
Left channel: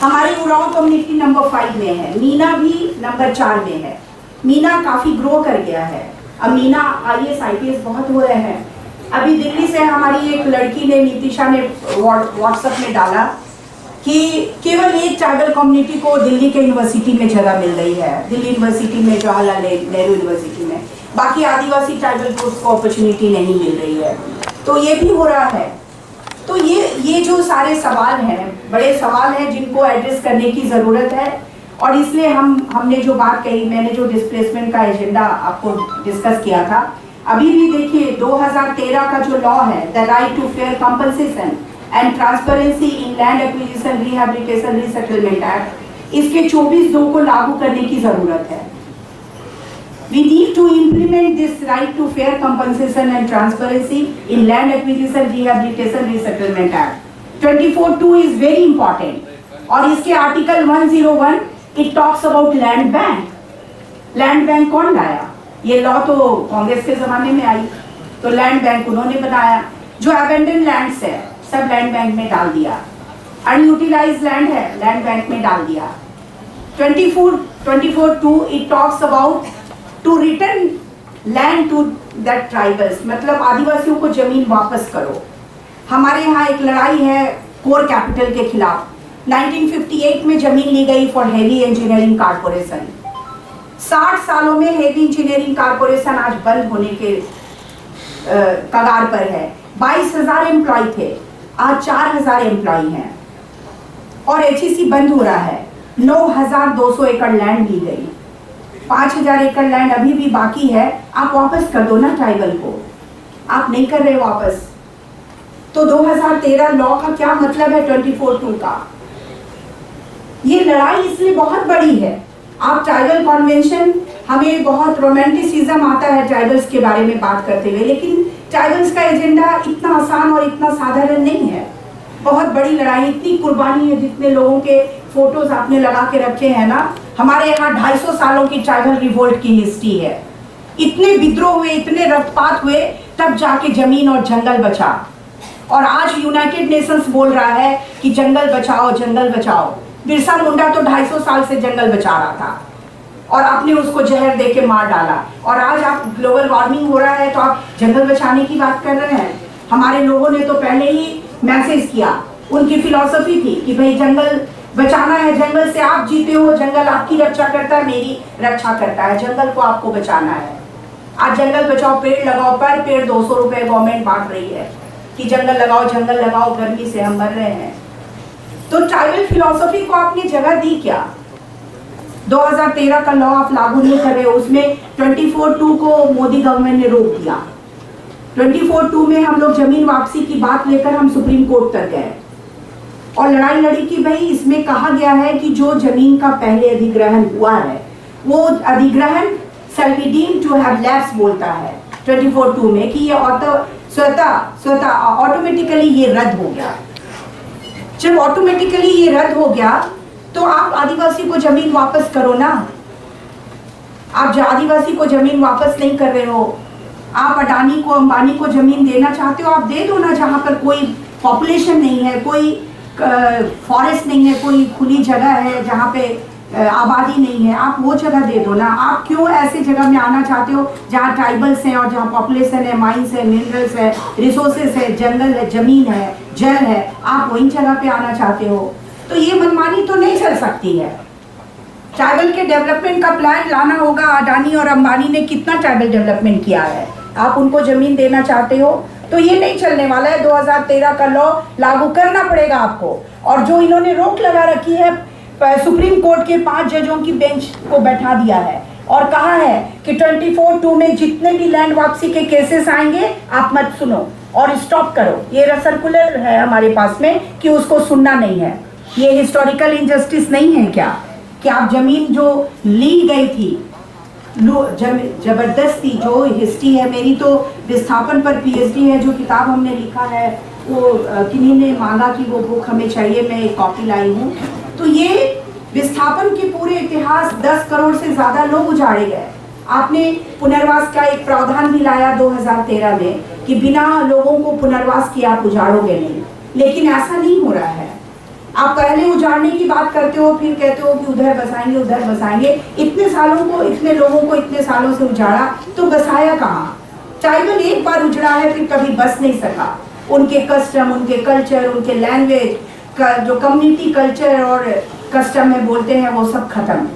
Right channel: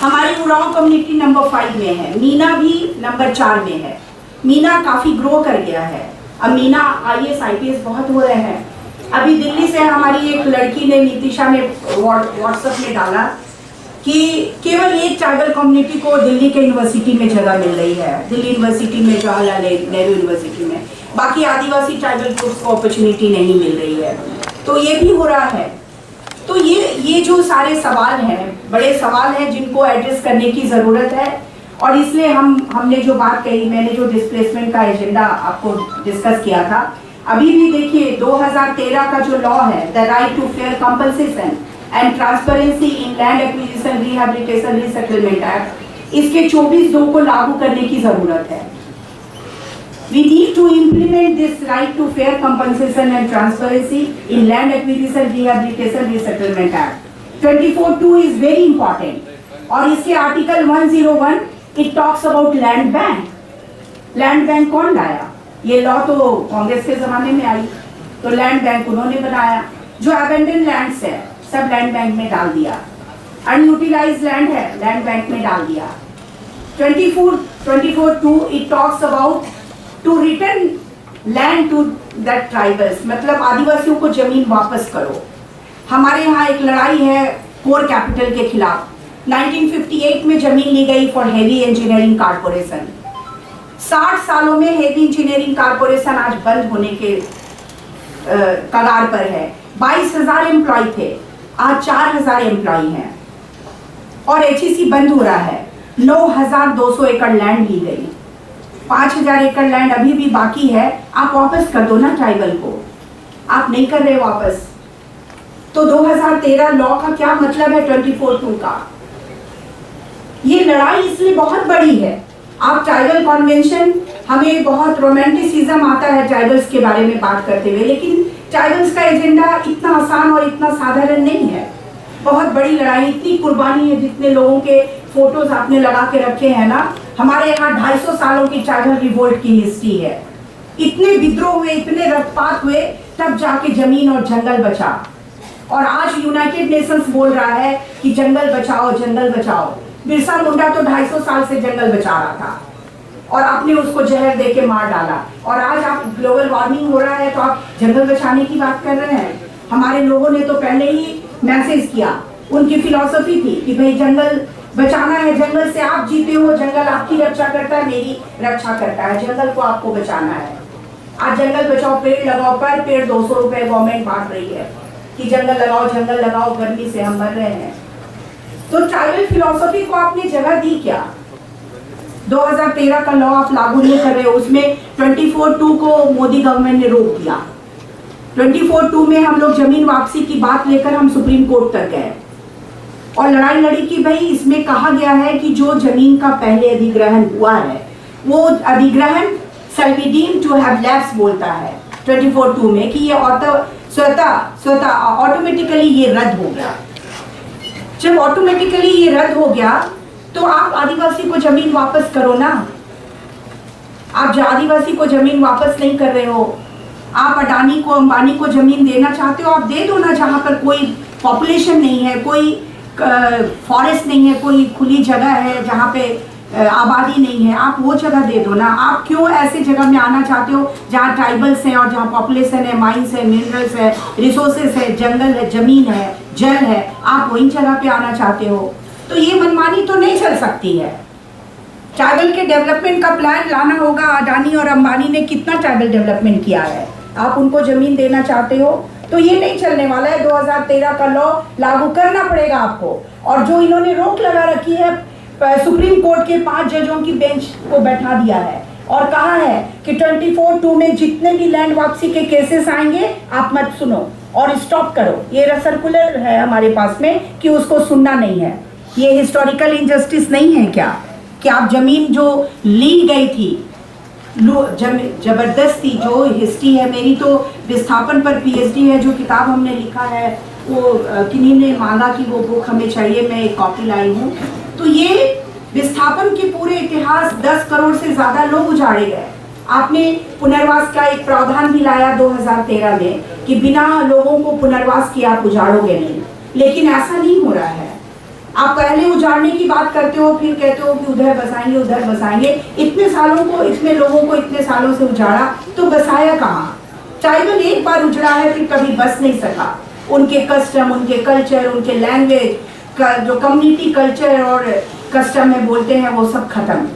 हमारी उरांव कम्युनिटी नंबर 5 में है, मीना भी नंबर 4 में है। मीना काफ़ी ग्रो कर गया है, अब मीना IAS IPS बहुत हो रहे हैं। अभी दिल्ली से हमारी एक लड़की ने, नीतिशा ने व्हाट्सएप में डाला कि केवल एक ट्राइबल कम्युनिटी को दिल्ली के यूनिवर्सिटी में जगह मिल रही है, दिल्ली यूनिवर्सिटी में, जवाहरलाल नेहरू यूनिवर्सिटी में। बाकी आदिवासी ट्राइबल ग्रुप्स को अपॉर्चुनिटी नहीं मिल रही है। तो ये भी हो रहा है। तो ये जो सारे सवाल हैं बड़े सवाल हैं जिनको एड्रेस करने की ज़रूरत है। और इसलिए हमने जो बात कही, मैंने जो डिस्प्लेसमेंट का एजेंडा आपको डिस्कस किया था, अभी भी देखिए 2013 का जो लॉ है, the right to fair compensation and transparency in land acquisition rehabilitation resettlement act, इसके 24(2) को लागू करने की ज़रूरत है। We need to implement this right to fair compensation and transparency in land acquisition, rehabilitation, resettlement act. 24(2) is very important. और इसके article 101 it talks about land bank. Land bank कौन लाया? ये लॉ तो कांग्रेस के जमाने में आई, तो लैंड बैंक उन्होंने बनाया। जो अबेंडन लैंड्स है सब लैंड बैंक में डाल दिया, अनयूटिलाइज्ड लैंड है लैंड बैंक में डाल दिया। 24(2) it talks about to return land to that tribals, मतलब आदिवासियों को जमीन वापस करो। हमारे यहाँ एक लड़ाई है कोर कैपिटल के खिलाफ। 1958 में जमीन ली गई फॉर हेवी इंजीनियरिंग कारपोरेशन। 60 सालों में हेवी इंजीनियरिंग कारपोरेशन आज बंद होने के कगार पर है। 22,000 एम्प्लॉय थे, आज 4,000 एम्प्लॉय हैं और HEC बंद हो रहा है। 9,200 एकड़ लैंड ली गई, 5,000 एकड़ लैंड अभी भी बाकी है। आप वापस कर दो ना ट्राइबल को, आप नहीं कर रहे वापस। तो 2013 लॉ का क्या मतलब है 24(2) का? ये लड़ाई इसलिए बहुत बड़ी है। आप ट्राइबल कॉन्वेंशन, हमें बहुत रोमांटिसिज्म आता है ट्राइबल्स के बारे में बात करते हुए, लेकिन ट्राइबल्स का एजेंडा इतना आसान और इतना साधारण नहीं है। बहुत बड़ी लड़ाई, इतनी कुर्बानी है। जितने लोगों के फोटोज आपने लगा के रखे हैं ना, हमारे यहाँ 250 सालों की ट्राइबल रिवोल्ट की हिस्ट्री है। इतने विद्रोह हुए, इतने रक्तपात हुए, तब जाके जमीन और जंगल बचा। और आज यूनाइटेड नेशंस बोल रहा है कि जंगल बचाओ, जंगल बचाओ। बिरसा मुंडा तो 250 साल से जंगल बचा रहा था और आपने उसको जहर दे के मार डाला। और आज आप ग्लोबल वार्मिंग हो रहा है तो आप जंगल बचाने की बात कर रहे हैं। हमारे लोगों ने तो पहले ही मैसेज किया, उनकी फिलॉसफी थी कि भाई जंगल बचाना है, जंगल से आप जीते हो, जंगल आपकी रक्षा करता है, मेरी रक्षा करता है, जंगल को आपको बचाना है। आज जंगल बचाओ, पेड़ लगाओ, पर पेड़ 200 रुपए गवर्नमेंट बांट रही है कि जंगल लगाओ, गर्मी से हम मर रहे हैं। तो ट्राइबल फिलॉसफी को आपने जगह दी क्या? 2013 का लॉ आप लागू नहीं कर रहे हो, उसमें 24(2) को मोदी गवर्नमेंट ने रोक दिया। 24(2) में हम लोग जमीन वापसी की बात लेकर हम सुप्रीम कोर्ट तक गए और लड़ाई लड़ी कि भाई इसमें कहा गया है कि जो जमीन का पहले अधिग्रहण हुआ है वो अधिग्रहण shall be deemed to have lapsed बोलता है 24(2) में कि ये स्वतः ऑटोमेटिकली ये रद्द हो गया। जब ऑटोमेटिकली ये रद्द हो गया तो आप आदिवासी को जमीन वापस करो ना। आप आदिवासी को जमीन वापस नहीं कर रहे हो। आप अडानी को, अंबानी को जमीन देना चाहते हो, आप दे दो ना। जहाँ पर कोई पॉपुलेशन नहीं है, कोई फॉरेस्ट नहीं है, कोई खुली जगह है जहाँ पे आबादी नहीं है, आप वो जगह दे दो ना। आप क्यों ऐसे जगह में आना चाहते हो जहाँ ट्राइबल्स हैं और जहाँ पॉपुलेशन है, माइंस है, मिनरल्स है, रिसोर्सेज है, जंगल है, जमीन है, जल है, आप वही जगह पे आना चाहते हो? तो ये मनमानी तो नहीं चल सकती है। ट्राइबल के डेवलपमेंट का प्लान लाना होगा। अडानी और अंबानी ने कितना ट्राइबल डेवलपमेंट किया है, आप उनको जमीन देना चाहते हो? तो ये नहीं चलने वाला है। 2013 का लॉ लागू करना पड़ेगा आपको। और जो इन्होंने रोक लगा रखी है, सुप्रीम कोर्ट के 5 जजों की बेंच को बैठा दिया है और कहा है कि 24(2) में जितने भी लैंड वापसी के केसेस आएंगे आप मत सुनो और स्टॉप करो। ये सर्कुलर है हमारे पास में कि उसको सुनना नहीं है। ये हिस्टोरिकल इनजस्टिस नहीं है क्या कि आप जमीन जो ली गई थी जबरदस्ती, जो हिस्ट्री है मेरी तो विस्थापन पर PhD है, जो किताब हमने लिखा है वो किन्हीं ने मांगा कि वो बुक हमें चाहिए, मैं एक कॉपी लाई हूँ। तो ये विस्थापन के पूरे इतिहास 10 करोड़ से ज़्यादा लोग उजाड़े गए। आपने पुनर्वास का एक प्रावधान भी लाया 2013 में कि बिना लोगों को पुनर्वास किए आप उजाड़ोगे नहीं, लेकिन ऐसा नहीं हो रहा है। आप पहले उजाड़ने की बात करते हो, फिर कहते हो कि उधर बसाएंगे, उधर बसाएंगे। इतने सालों को, इतने लोगों को इतने सालों से उजाड़ा तो बसाया कहाँ? ट्राइबल एक बार उजड़ा है फिर कभी बस नहीं सका। उनके कस्टम, उनके कल्चर, उनके लैंग्वेज का जो कम्युनिटी कल्चर और कस्टम में बोलते हैं वो सब खत्म।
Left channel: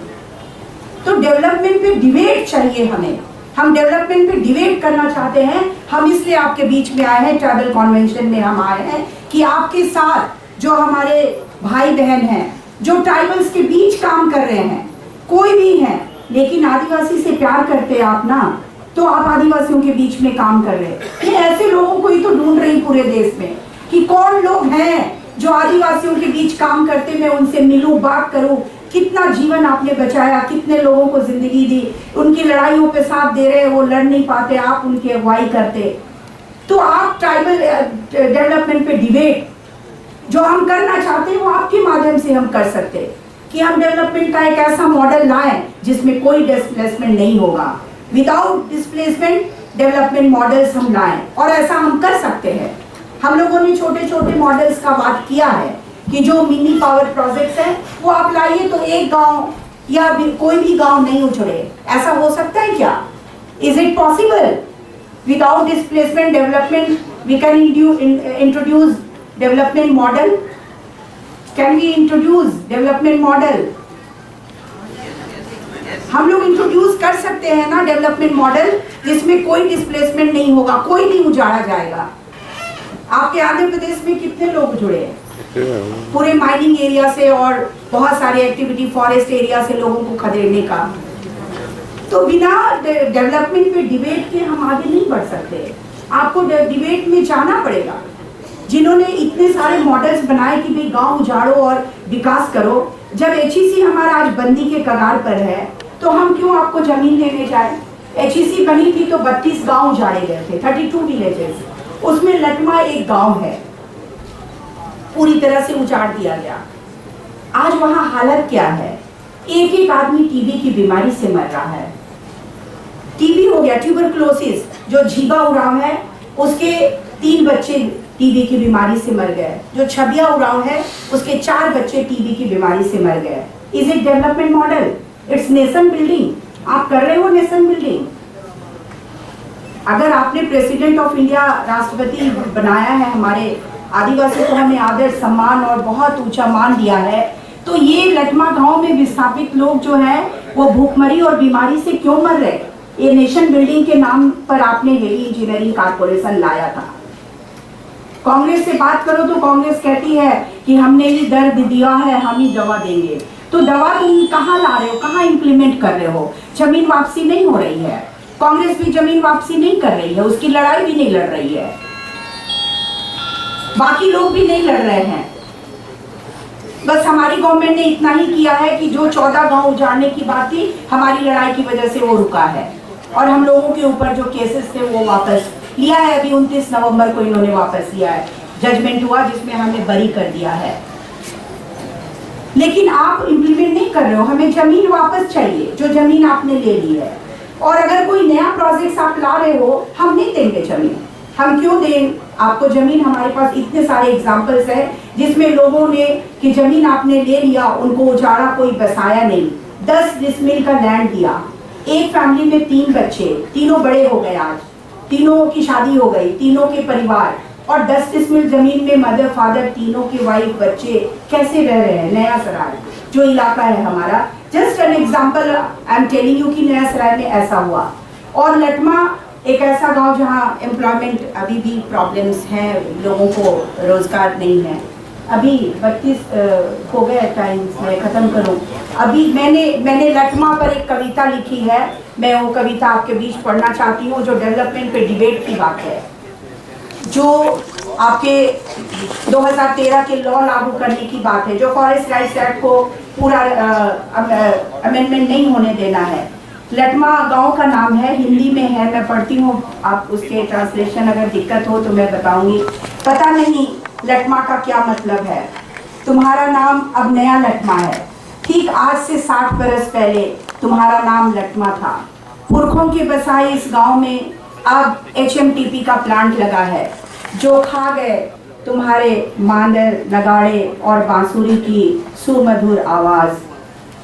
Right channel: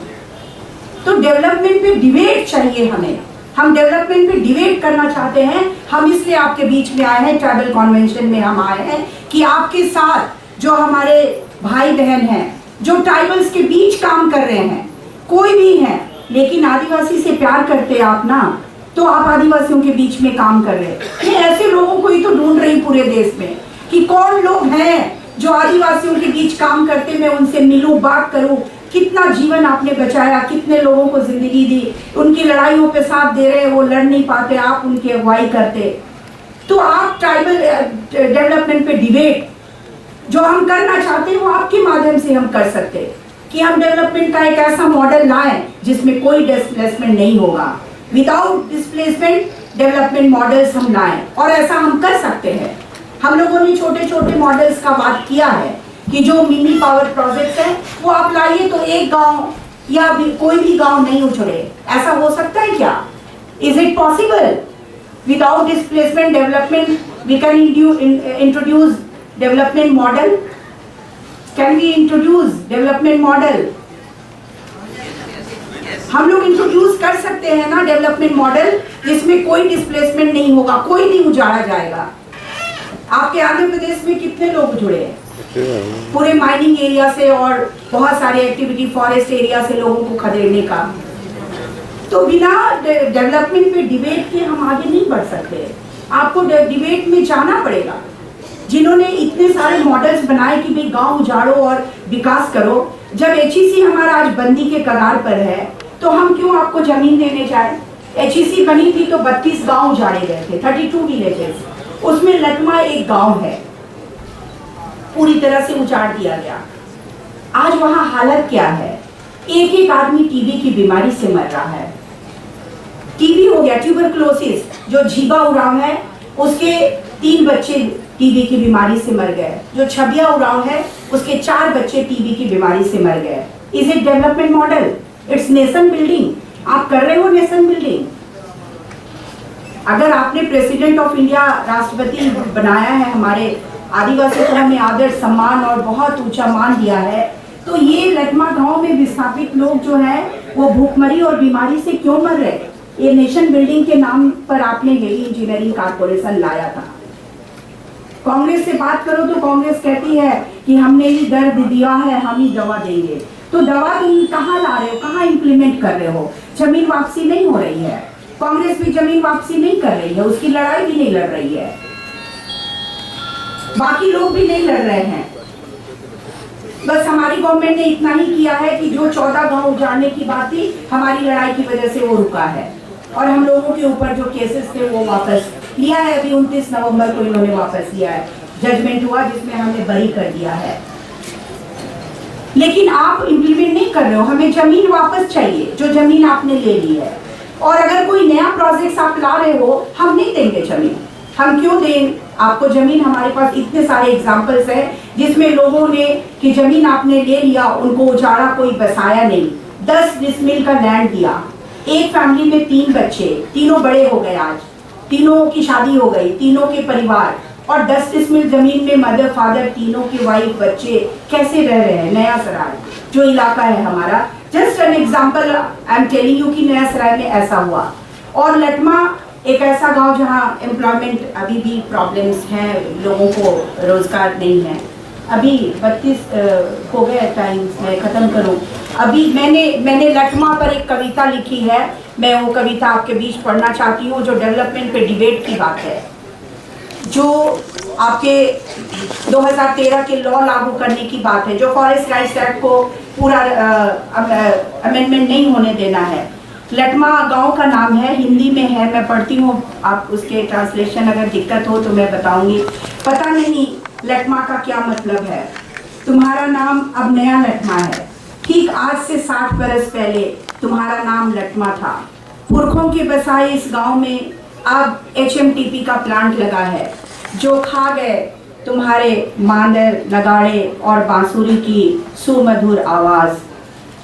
तो डेवलपमेंट पे डिबेट चाहिए हमें। हम डेवलपमेंट पे डिबेट करना चाहते हैं। हम इसलिए आपके बीच में आए हैं, ट्राइबल कॉन्वेंशन में हम आए हैं कि आपके साथ जो हमारे भाई बहन हैं जो ट्राइबल्स के बीच काम कर रहे हैं, कोई भी है लेकिन आदिवासी से प्यार करते आप ना, तो आप आदिवासियों के बीच में काम कर रहे हैं। मैं ऐसे लोगों को ही तो ढूंढ रही पूरे देश में कि कौन लोग हैं जो आदिवासियों के बीच काम करते, मैं उनसे मिलूं, बात करूं, कितना जीवन आपने बचाया, कितने लोगों को जिंदगी दी, उनकी लड़ाइयों पे साथ दे रहे, वो लड़ नहीं पाते, आप उनकी अगुवाई करते। तो आप ट्राइबल डेवलपमेंट पे डिबेट जो हम करना चाहते हैं वो आपके माध्यम से हम कर सकते हैं कि हम डेवलपमेंट का एक ऐसा मॉडल लाएं जिसमें कोई डिस्प्लेसमेंट नहीं होगा। विदाउट डिस्प्लेसमेंट डेवलपमेंट मॉडल्स हम लाएं, और ऐसा हम कर सकते हैं। हम लोगों ने छोटे छोटे मॉडल्स का बात किया है कि जो मिनी पावर प्रोजेक्ट्स हैं वो आप लाइए तो एक गांव या कोई भी गांव नहीं उछड़े। ऐसा हो सकता है क्या? Is it possible? Without displacement development we can introduce development model. Can we introduce development model? हम लोग इंट्रोड्यूस कर सकते हैं ना डेवलपमेंट मॉडल जिसमें कोई डिस्प्लेसमेंट नहीं होगा, कोई नहीं उजाड़ा जाएगा। आपके आंध्र प्रदेश में कितने लोग जुड़े हैं पूरे माइनिंग एरिया से और बहुत सारे एक्टिविटी फॉरेस्ट एरिया से लोगों को खदेड़ने का। तो बिना डेवलपमेंट पे डिबेट के हम आगे नहीं बढ़ सकते। आपको डिबेट में जाना पड़ेगा। जिन्होंने इतने सारे मॉडल्स बनाए कि भाई गांव उजाड़ो और विकास करो, जब HEC हमारा आज बंदी के कगार पर है तो हम क्यों आपको जमीन देने जाए? HEC बनी थी तो 32 गांव उजाड़े गए थे, 32 विलेजेस, उसमें लटमा एक गांव है, पूरी तरह से उजाड़ दिया गया। आज वहां हालत क्या है? एक एक आदमी टीबी की बीमारी से मर रहा है। टीबी हो गया, ट्यूबरकुलोसिस, जो झीबा उरांव है उसके 3 बच्चे टीबी की बीमारी से मर गए। जो छबिया उरांव है उसके 4 बच्चे टीबी की बीमारी से मर गए। Is it development model? It's nation building. आप कर रहे हो नेशन बिल्डिंग। अगर आपने प्रेसिडेंट ऑफ इंडिया राष्ट्रपति बनाया है, हमारे आदिवासियों को हमें आदर सम्मान और बहुत ऊंचा मान दिया है, तो ये लटमा गांव में विस्थापित लोग जो हैं वो भूखमरी और बीमारी से क्यों मर रहे? ये नेशन बिल्डिंग के नाम पर आपने हेवी इंजीनियरिंग कारपोरेशन लाया था। कांग्रेस से बात करो तो कांग्रेस कहती है कि हमने ही दर्द दिया है, हम ही दवा देंगे। तो दवा तुम कहाँ ला रहे हो, कहाँ इंप्लीमेंट कर रहे हो? जमीन वापसी नहीं हो रही है। कांग्रेस भी जमीन वापसी नहीं कर रही है, उसकी लड़ाई भी नहीं लड़ रही है, बाकी लोग भी नहीं लड़ रहे हैं। बस हमारी गवर्नमेंट ने इतना ही किया है कि जो 14 गांव उजाड़ने की बात थी, हमारी लड़ाई की वजह से वो रुका है, और हम लोगों के ऊपर जो केसेस थे वो वापस लिया है। अभी 29 नवंबर को इन्होंने वापस लिया है, जजमेंट हुआ जिसमें हमने बरी कर दिया है। लेकिन आप इम्प्लीमेंट नहीं कर रहे हो। हमें जमीन वापस चाहिए जो जमीन आपने ले ली है, और अगर कोई नया प्रोजेक्ट आप ला रहे हो, हम नहीं देंगे जमीन। हम क्यों दें आपको जमीन? हमारे पास इतने सारे एग्जाम्पल्स हैं जिसमें लोगों ने कि जमीन आपने ले लिया, उनको उजाड़ा, कोई बसाया नहीं। 10 डिसमिल का लैंड दिया, एक फैमिली में 3 बच्चे, तीनों बड़े हो गए, आज तीनों की शादी हो गई, तीनों के परिवार, और 10 डिसमिल जमीन में मदर फादर, तीनों के वाइफ, बच्चे कैसे रह रहे हैं? नया सराय जो इलाका है हमारा, just an example I am telling you कि नया सराय में ऐसा हुआ। और लटमा एक ऐसा गांव जहां एम्प्लॉयमेंट अभी भी प्रॉब्लम्स हैं, लोगों को रोजगार नहीं है। अभी 32 हो गए टाइम, मैं ख़त्म करूं। अभी मैंने लटमा पर एक कविता लिखी है, मैं वो कविता आपके बीच पढ़ना चाहती हूँ, जो डेवलपमेंट पे डिबेट की बात है, जो आपके 2013 के लॉ लागू करने की बात है, जो फॉरेस्ट राइट्स एक्ट को पूरा अमेंडमेंट नहीं होने देना है। लटमा गांव का नाम है, हिंदी में है, मैं पढ़ती हूँ, आप उसके ट्रांसलेशन अगर दिक्कत हो तो मैं बताऊंगी। पता नहीं लटमा का क्या मतलब है। तुम्हारा नाम अब नया लटमा है, ठीक आज से 60 बरस पहले तुम्हारा नाम लटमा था। पुरखों के बसाए इस गांव में अब HMTP का प्लांट लगा है, जो खा गए तुम्हारे मांदर, नगाड़े और बांसुरी की सुमधुर आवाज।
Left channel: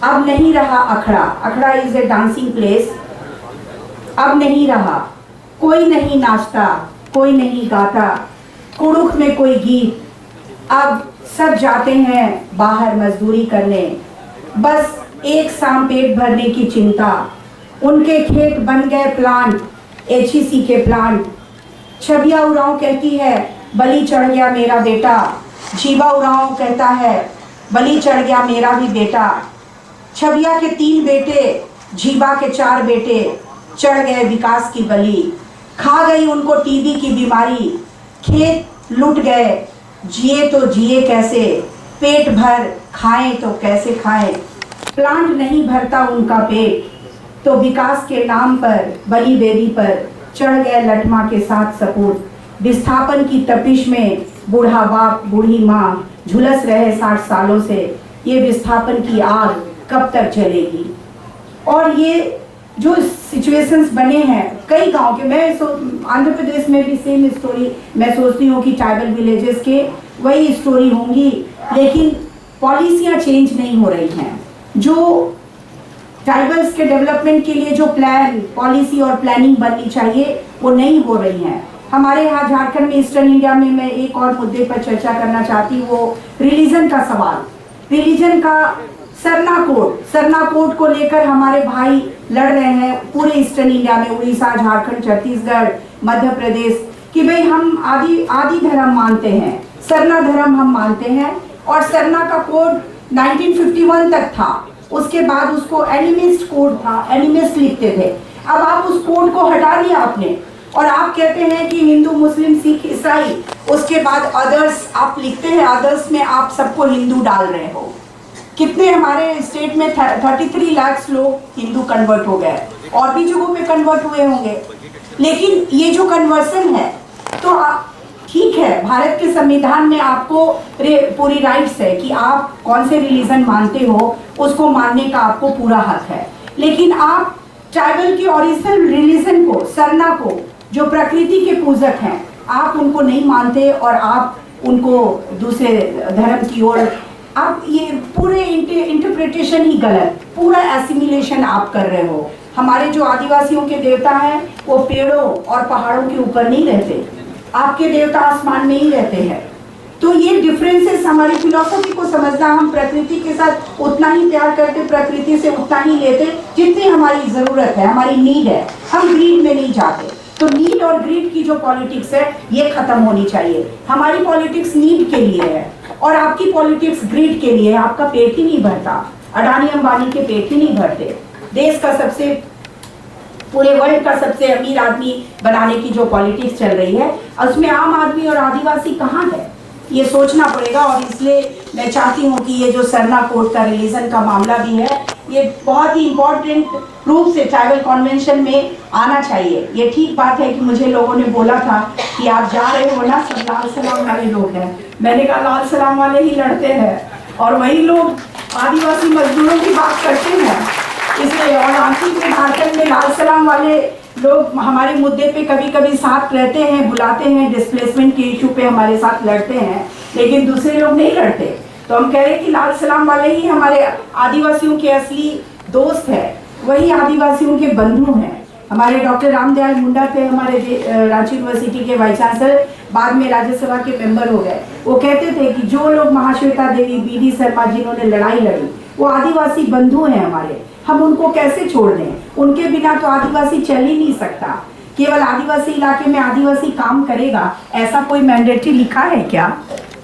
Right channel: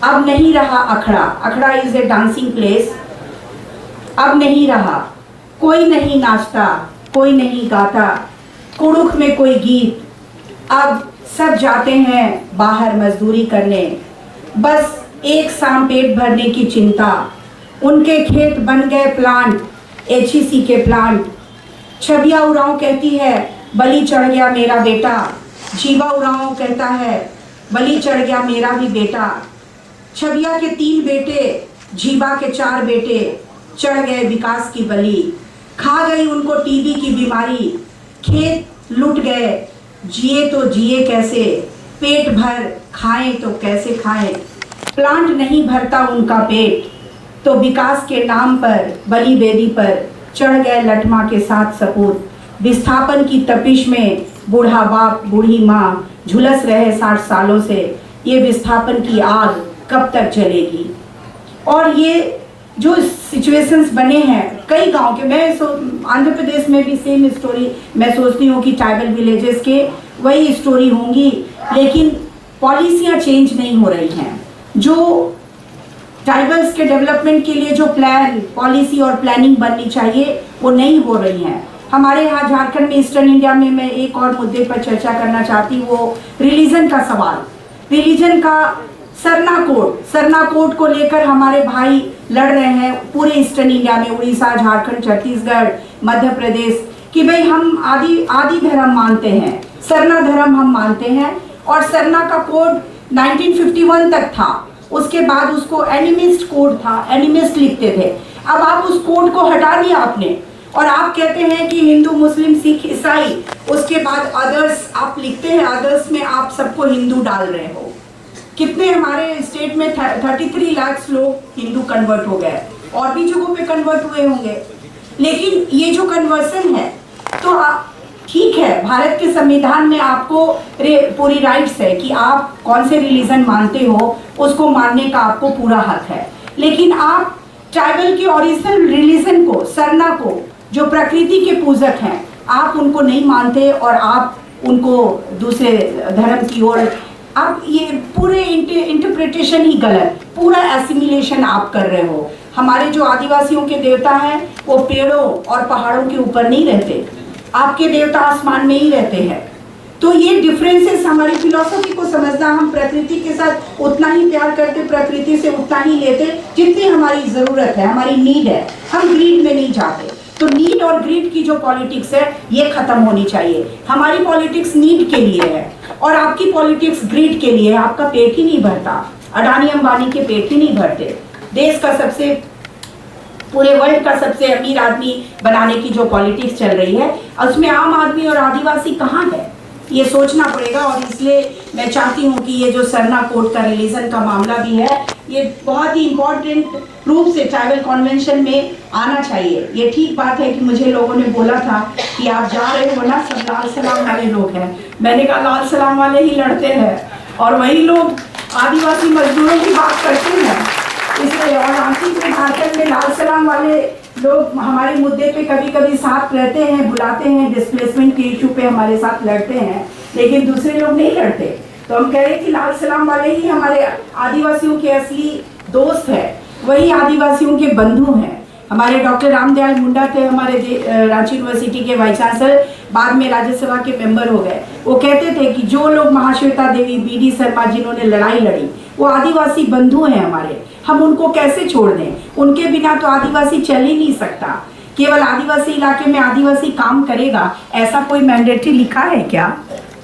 अब नहीं रहा अखड़ा, अखड़ा इज ए डांसिंग प्लेस, अब नहीं रहा। कोई नहीं नाचता, कोई नहीं गाता, कुड़ुख में कोई गीत, अब सब जाते हैं बाहर मजदूरी करने, बस एक शाम पेट भरने की चिंता। उनके खेत बन गए प्लांट, HEC के प्लांट। छबिया उरांव कहती है बलि चढ़ गया मेरा बेटा, जीवा उरांव कहता है बलि चढ़ गया मेरा भी बेटा। छबिया के 3 बेटे, झीबा के 4 बेटे, चढ़ गए विकास की बलि। खा गई उनको टीबी की बीमारी, खेत लूट गए, जिए तो जिए कैसे, पेट भर खाएं तो कैसे खाएं। प्लांट नहीं भरता उनका पेट, तो विकास के नाम पर बलि वेदी पर चढ़ गए लठमा के साथ सपूत। विस्थापन की तपिश में बूढ़ा बाप बूढ़ी माँ झुलस रहे 60 सालों से। ये विस्थापन की आग कब तक जलेगी? और ये जो सिचुएशंस बने हैं कई गांव के, मैं आंध्र प्रदेश में भी सेम स्टोरी मैं सोचती हूँ कि ट्राइबल विलेजेस के वही स्टोरी होंगी, लेकिन पॉलिसियाँ चेंज नहीं हो रही हैं। जो ट्राइबल्स के डेवलपमेंट के लिए जो प्लान, पॉलिसी और प्लानिंग बननी चाहिए वो नहीं हो रही हैं। हमारे यहाँ झारखंड में, ईस्टर्न इंडिया में, मैं एक और मुद्दे पर चर्चा करना चाहती हूँ, वो रिलीजन का सवाल। रिलीजन का सरना कोड को लेकर हमारे भाई लड़ रहे हैं पूरे ईस्टर्न इंडिया में, उड़ीसा, झारखंड, छत्तीसगढ़, मध्य प्रदेश, कि भाई हम आदि धर्म मानते हैं, सरना धर्म हम मानते हैं। और सरना का कोड 1951 तक था, उसके बाद उसको एनिमिस्ट कोड था, एनिमिस्ट लिखते थे। अब आप उस कोड को हटा दिया आपने, और आप कहते हैं कि हिंदू, मुस्लिम, सिख, ईसाई, उसके बाद अदर्स आप लिखते हैं, अदर्स में आप सबको हिंदू डाल रहे हो। कितने हमारे स्टेट में 33 लाख लोग हिंदू कन्वर्ट हो गए, और भी जगहों पे कन्वर्ट हुए होंगे। लेकिन ये जो कन्वर्सन है, तो ठीक है, भारत के संविधान में आपको पूरी राइट्स है कि आप कौन से रिलीजन मानते हो, उसको मानने का आपको पूरा हक है। लेकिन आप ट्राइबल के ओरिजिनल रिलीजन को, सरना को, जो प्रकृति के पूजक हैं, आप उनको नहीं मानते और आप उनको दूसरे धर्म की ओर, आप ये पूरे इंटरप्रिटेशन ही गलत, पूरा एसिमिलेशन आप कर रहे हो। हमारे जो आदिवासियों के देवता हैं वो पेड़ों और पहाड़ों के ऊपर नहीं रहते, आपके देवता आसमान में ही रहते हैं। तो ये डिफरेंसेस हमारी फिलॉसफी को समझना, हम प्रकृति के साथ उतना ही प्यार करते, प्रकृति से उतना ही लेते जितनी हमारी ज़रूरत है, हमारी नीड है, हम ग्रीड में नहीं जाते। तो नीड और ग्रीड की जो पॉलिटिक्स है ये खत्म होनी चाहिए। हमारी पॉलिटिक्स नीड के लिए है और आपकी पॉलिटिक्स ग्रीड के लिए है। आपका पेट ही नहीं भरता, अडानी अंबानी के पेट ही नहीं भरते। देश का सबसे, पूरे वर्ल्ड का सबसे अमीर आदमी बनाने की जो पॉलिटिक्स चल रही है, उसमें आम आदमी और आदिवासी कहाँ है, ये सोचना पड़ेगा। और इसलिए मैं चाहती हूँ कि ये जो सरना कोड का रिलीजन का मामला भी है, ये बहुत ही इम्पोर्टेंट रूप से ट्राइबल कन्वेंशन में आना चाहिए। ये ठीक बात है कि मुझे लोगों ने बोला था कि आप जा रहे हो ना, सब लाल सलाम वाले लोग हैं। मैंने कहा लाल सलाम वाले ही लड़ते हैं और वही लोग आदिवासी मजदूरों की बात करते हैं। इसलिए और आखिर में झारखंड में लाल सलाम वाले लोग हमारे मुद्दे पे कभी कभी साथ रहते हैं, बुलाते हैं, डिस्प्लेसमेंट के इशू पे हमारे साथ लड़ते हैं, लेकिन दूसरे लोग नहीं लड़ते। तो हम कह रहे हैं कि लाल सलाम वाले ही हमारे आदिवासियों के असली दोस्त है, वही आदिवासियों के बंधु हैं। हमारे डॉक्टर रामदयाल मुंडा थे, हमारे रांची यूनिवर्सिटी के वाइस चांसलर, बाद में राज्यसभा के मेंबर हो गए। वो कहते थे कि जो लोग महाश्वेता देवी, BD शर्मा जिन्होंने लड़ाई लड़ी, वो आदिवासी बंधु हैं हमारे, हम उनको कैसे छोड़ दें? उनके बिना तो आदिवासी चल ही नहीं सकता। केवल आदिवासी इलाके में आदिवासी काम करेगा, ऐसा कोई मैंडेटरी लिखा है क्या?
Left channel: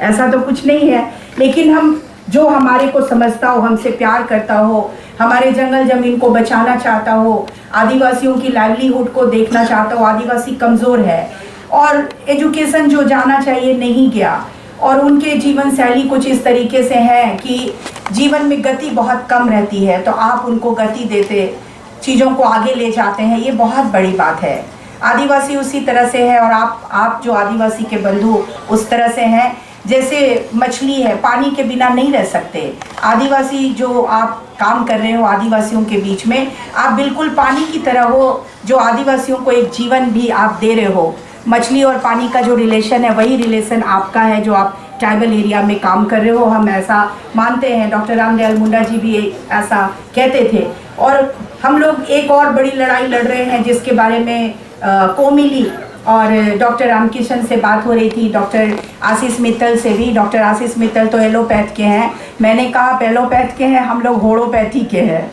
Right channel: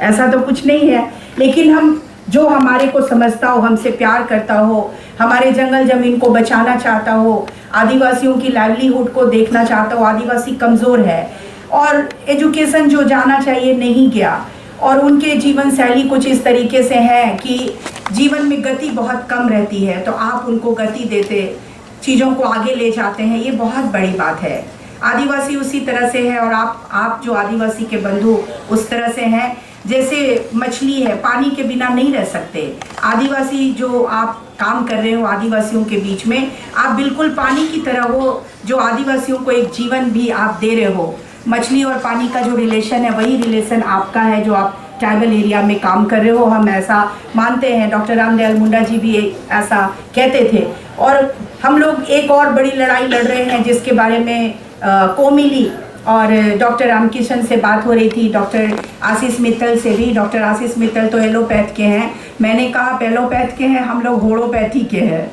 ऐसा तो कुछ नहीं है। लेकिन हम, जो हमारे को समझता हो, हमसे प्यार करता हो, हमारे जंगल जमीन को बचाना चाहता हो, आदिवासियों की लाइवलीहुड को देखना चाहता हो, आदिवासी कमज़ोर है और एजुकेशन जो जाना चाहिए नहीं गया, और उनके जीवन शैली कुछ इस तरीके से है कि जीवन में गति बहुत कम रहती है, तो आप उनको गति देते, चीज़ों को आगे ले जाते हैं, ये बहुत बड़ी बात है। आदिवासी उसी तरह से है और आप जो आदिवासी के बंधु उस तरह से हैं। जैसे मछली है, पानी के बिना नहीं रह सकते। आदिवासी जो आप काम कर रहे हो आदिवासियों के बीच में, आप बिल्कुल पानी की तरह हो, जो आदिवासियों को एक जीवन भी आप दे रहे हो। मछली और पानी का जो रिलेशन है वही रिलेशन आपका है, जो आप ट्राइबल एरिया में काम कर रहे हो, हम ऐसा मानते हैं। डॉक्टर रामदयाल मुंडा जी भी ऐसा कहते थे। और हम लोग एक और बड़ी लड़ाई लड़ रहे हैं जिसके बारे में कोमिली और डॉक्टर रामकिशन से बात हो रही थी, डॉक्टर आशीष मित्तल से भी। डॉक्टर आशीष मित्तल तो एलोपैथ के हैं, मैंने कहा आप एलोपैथ के हैं, हम लोग होड़ोपैथी के हैं।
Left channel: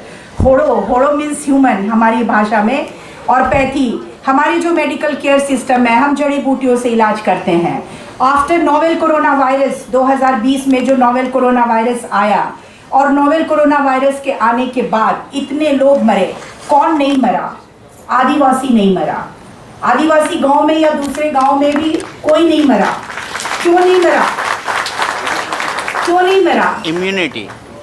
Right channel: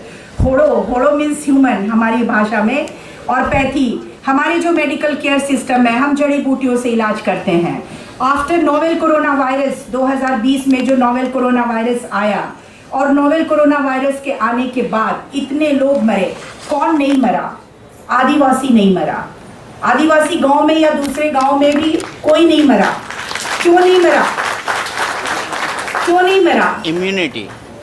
होड़ो मीन्स ह्यूमन हमारी भाषा में, और पैथी हमारी जो मेडिकल केयर सिस्टम है, हम जड़ी बूटियों से इलाज करते हैं। आफ्टर नोवेल कोरोना वायरस 2020 में जो नोवेल कोरोना वायरस आया और नोवेल कोरोना वायरस के आने के बाद इतने लोग मरे, कौन नहीं मरा? आदिवासी नहीं मरा। आदिवासी गांव में या दूसरे गांव में भी कोई नहीं मरा। क्यों नहीं मरा? क्यों नहीं मरा?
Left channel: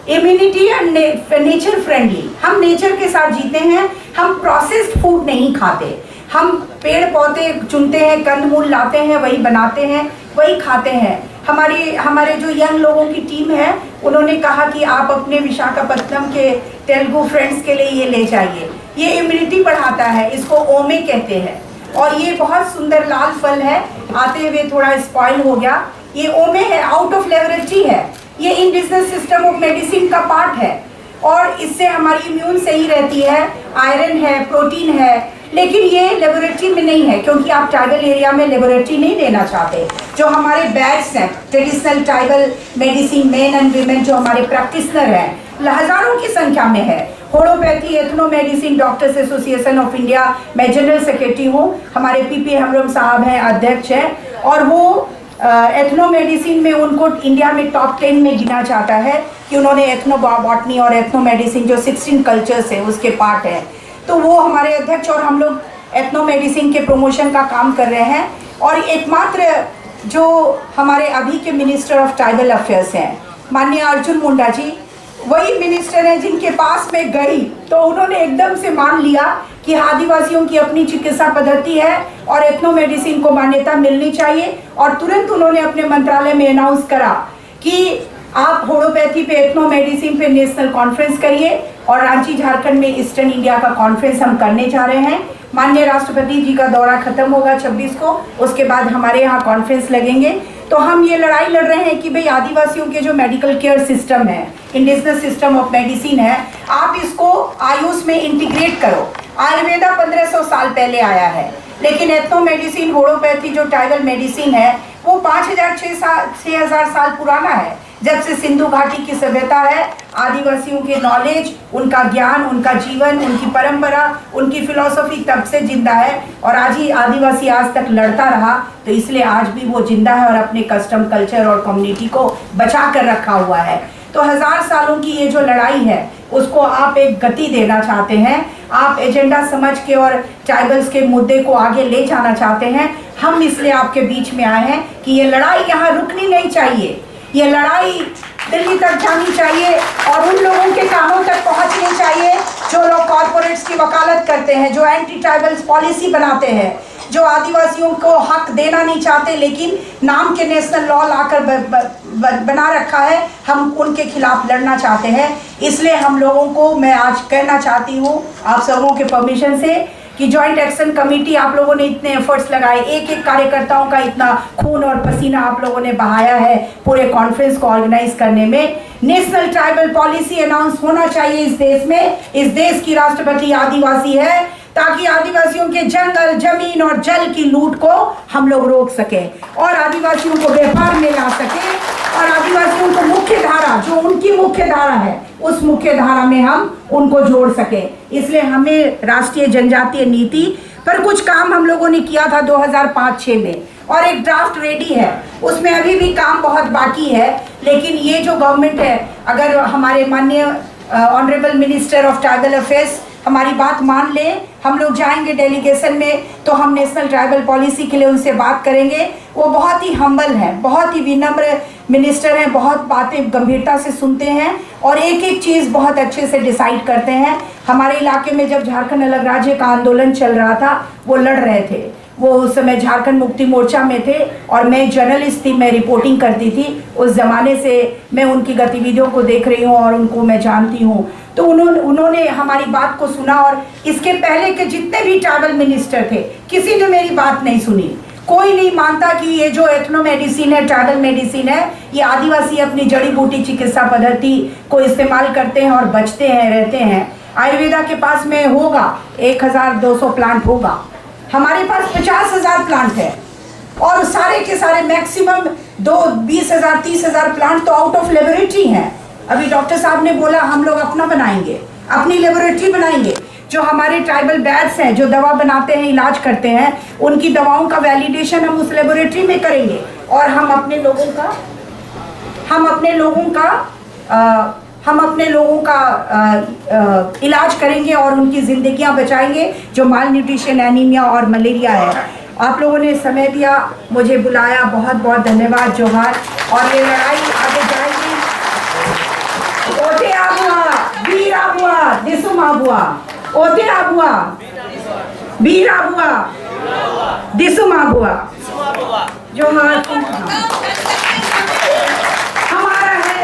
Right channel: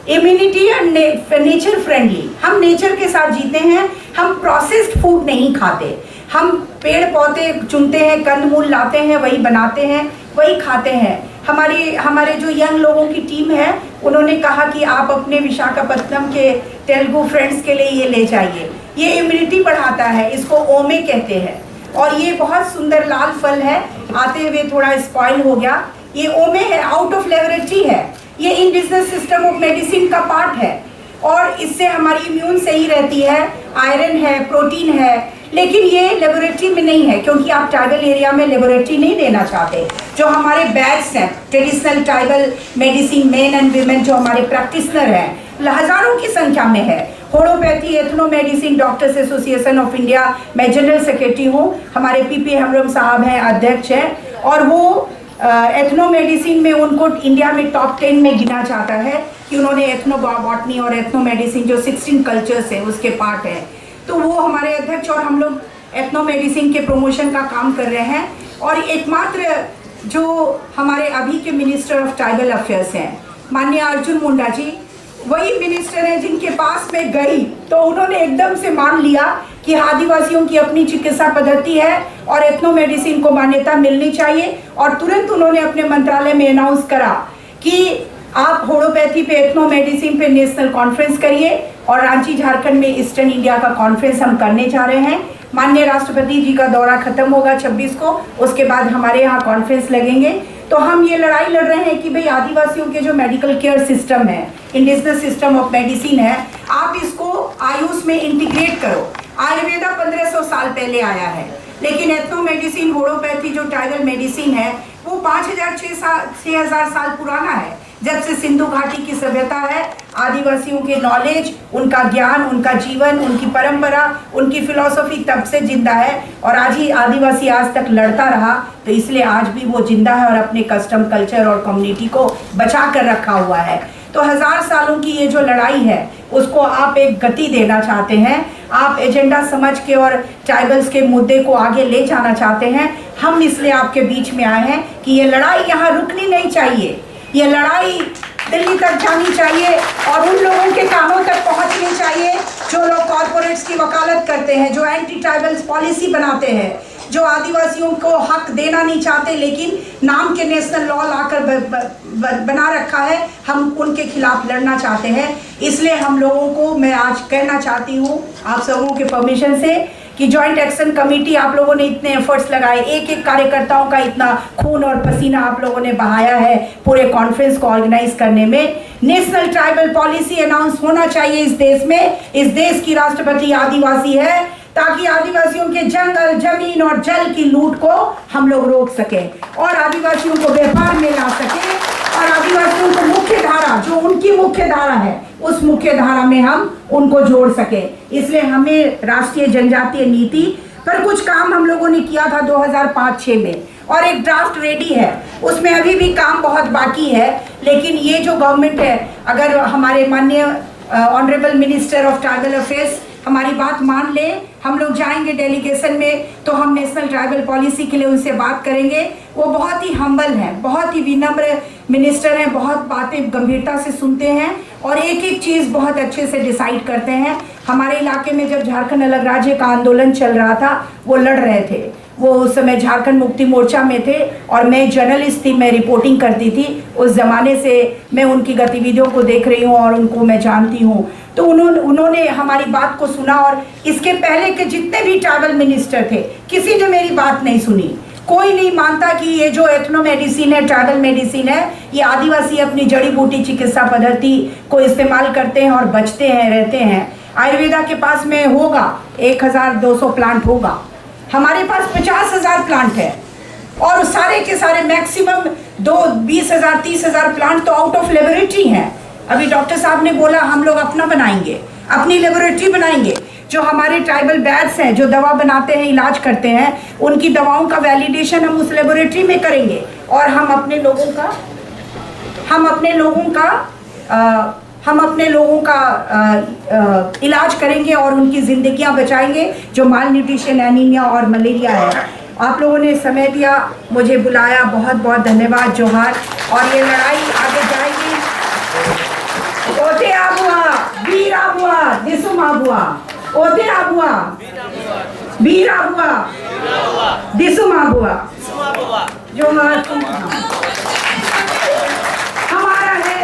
Immunity and nature friendly. हम नेचर के साथ जीते हैं। हम प्रोसेस्ड फूड नहीं खाते। हम पेड़ पौधे चुनते हैं, कंदमूल लाते हैं, वही बनाते हैं, वही खाते हैं। हमारे जो यंग लोगों की टीम है, उन्होंने कहा कि आप अपने विशाखापत्तनम के तेलुगु फ्रेंड्स के लिए ये ले जाइए। ये इम्यूनिटी बढ़ाता है, इसको ओमे कहते हैं और ये बहुत सुंदर लाल फल है। आते हुए थोड़ा स्पॉइल हो गया। ये ओमे है, आउट ऑफ लेबोरेटरी है। ये इंडिजिनस सिस्टम ऑफ मेडिसिन का पार्ट है और इससे हमारी इम्यून सही रहती है। आयरन है, प्रोटीन है, लेकिन ये लेबोरेटरी में नहीं है क्योंकि आप ट्राइबल एरिया में लेबोरेटरी नहीं देना चाहते। जो हमारे बैच हैं, traditional tribal medicine main and women, जो हमारे प्रैक्टिशनर हैं, हजारों की संख्या में है। Homeopathy ethno medicine doctors association of India, मैं जनरल सेक्रेटरी हूँ। हमारे पीपी हेम्ब्रम साहब हैं, अध्यक्ष हैं और वो एथनो मेडिसिन में उनको इंडिया में टॉप 10 में गिना जाता है कि उन्होंने एथनो बॉटनी और एथनो मेडिसिन जो 16 कल्चर्स है उसके पार्ट है। तो वो हमारे अध्यक्ष और हम लोग एथनो मेडिसिन के प्रमोशन का काम कर रहे हैं। और एकमात्र जो हमारे अभी के मिनिस्टर ऑफ ट्राइबल अफेयर्स हैं, माननीय अर्जुन मुंडा जी, वही मिनिस्टर हैं जिनके पास मैं गई तो उन्होंने एकदम से मान लिया कि आदिवासियों की अपनी चिकित्सा पद्धति है और एथनो मेडिसिन को मान्यता मिलनी चाहिए। और तुरंत उन्होंने अपने मंत्रालय में अनाउंस करा कि आप होम्योपैथी पे, एथनो मेडिसिन पे नेशनल कॉन्फ्रेंस करिए और रांची झारखंड में ईस्टर्न इंडिया का कॉन्फ्रेंस हम करने जा रहे हैं। माननीय राष्ट्रपति जी का दौरा खत्म होगा 26 को, उसके बाद हमारे यहाँ कॉन्फ्रेंस लगेंगे। तो हम ये लड़ाई लड़ रहे हैं कि भाई आदिवासियों के जो मेडिकल केयर सिस्टम है, इंडिजिनस सिस्टम ऑफ मेडिसिन है, आप इसको आयुष में इंटीग्रेट करो। आयुर्वेदा 1500 साल पहले आया है, लेकिन एथनो मेडिसिन, होम्योपैथी जो ट्राइबल मेडिसिन है वो 5000-6000 साल पुराना है। जब से सिंधु घाटी की सभ्यता है, आदिवासियों के नॉलेज, उनका ज्ञान, उनका जीवन, उनकी परंपरा, उनकी फिलॉसफी तब से जिंदा है और आज ही आदिवासी आज तक लड़ता रहा, तो इसलिए आज भी वो जिंदा है और अपने कस्टम, कल्चर और कम्युनिटी को बचा कर रखा हुआ है। तो 1000 सालों की ये जो लड़ाई है उसको आप एक गति देना चाहते हैं, आप एजेंडा समझ के और ट्राइबल्स के मुद्दे को आगे ले जाना चाहते हैं। हम इसलिए आपके बीच में आए हैं कि ये लड़ाई यहाँ रुकनी नहीं चाहिए, ये लड़ाई दिल्ली तक जानी चाहिए और उन लोगों के कानों तक पहुंचनी चाहिए जो लोग कॉरपोरेट्स की वकालत करते हैं, जो एंटी ट्राइबल्स पॉलिसी बनाते हैं, जो आदिवासियों को हक देना नहीं चाहते लेकिन नाम के नेशनल लॉ लाकर बना रखा है। हम उनके खिलाफ लड़ना चाहते हैं। इसलिए हम लोगों को, मैं आज कहना चाहती हूँ आप सबों के परमिशन से कि जॉइंट एक्शन कमेटी, आप लोगों ने इतने एफर्ट्स लगाए, एक एक कार्यकर्ताओं का इतना खून और पसीना आप लोगों ने बहाया है पूरे कॉन्फ्रेंस को ऑर्गेनाइज करने में। नेशनल ट्राइबल पॉलिसी अनाउंस होना चाहिए इस देश में। इस देश की राष्ट्रपति आदिवासी है, ताकि आदिवासियों के जंगल, जमीन और जल की लूट को हम लोग रोक सकें और आदिवासियों को व्यापार में ला सकें और आदिवासियों को मुख्य धारा, जो उनकी मुख्य धारा है, उस मुख्य धारा में हम उनको जोड़ सके। इसलिए हमें राष्ट्रीय जनजातीय नीति पर कुछ काम हम लोगों ने किया था 2005-6 में और एक ड्राफ्ट रेडी है, उसमें अभी भी काम बहुत बाकी है। लेकिन ये जो गवर्नमेंट है, अगर हमारे माननीय honourable minister of tribal affairs हमारी बात मान ले, हम लोग जाएंगे डेलीगेशन में तो हम नेशनल ट्राइबल पॉलिसी के लिए उनसे बात करेंगे। वो बहुत ही हम्बल हैं, बहुत ही विनम्र मिनिस्टर हैं, बहुत बातें गंभीरता से सुनते हैं और एक एक चीज़ बहुत अच्छे से डिसाइड करते हैं। हमारे इलाके में जब झारखंड अलग राज्य का आंदोलन चल रहा था, वो लड़ रहे थे, वो उस समय झारखंड मुक्ति मोर्चा में थे और मैं जर्नलिस्ट थी, मैं रिपोर्टिंग करती थी। उस ज़माने से मैं उनकी गतिविधियों को देख रही हूँ और उनको मैं जानती हूँ। तो उन्होंने हमारी बात को सुना और इसके पहले के जितने भी ट्राइबल मिनिस्टर थे, किसी ने मेरी बात नहीं सुनी। कोई नहीं मानता कि ये जो एथनो मेडिसिन है, ट्राइबल मेडिसिन है, ये आदिवासी अपनी जड़ी बूटी चिकित्सा पद्धति को इस्तेमाल करते हैं और बचते हैं, रहते हैं। आयुर्वेदा के पास में होगा 1200 प्लांट होगा, हमारे पास 50,000 प्लांट है और सारे के सारे मैक्सिमम 20,000-30,000 प्लांट तो आउट ऑफ लेबोरेटरी हैं। अभी डॉक्टर साहब ने बोला हम लोग अपना बनाएंगे, अपनी लेबोरेटरी बनाएंगे। जो हमारे ट्राइबल बैट्स हैं, जो दवा बनाते हैं, इलाज करते हैं, उनकी दवाओं का वैलिडेशन हम उस लेबोरेटरी में करेंगे और हम अपने लोगों का इलाज करेंगे और उनकी ज़िंदगियां बचाएंगे जो माल न्यूट्रिशन, एनीमिया और मलेरिया है। आप लोगों ने समय दिया, मुझे बुलाया, बहुत बहुत धन्यवाद, जोहार। और ये लड़ाई आगे जाएगी। ओते आबुआ, वीर आबुआ, दिसुम आबुआ, ओते आबुआ, वीर आबुआ, दिसुम आबुआ, जोहार। हमारा है,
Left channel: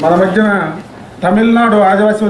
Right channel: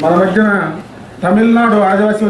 మన మధ్యన తమిళనాడు ఆదివాసీ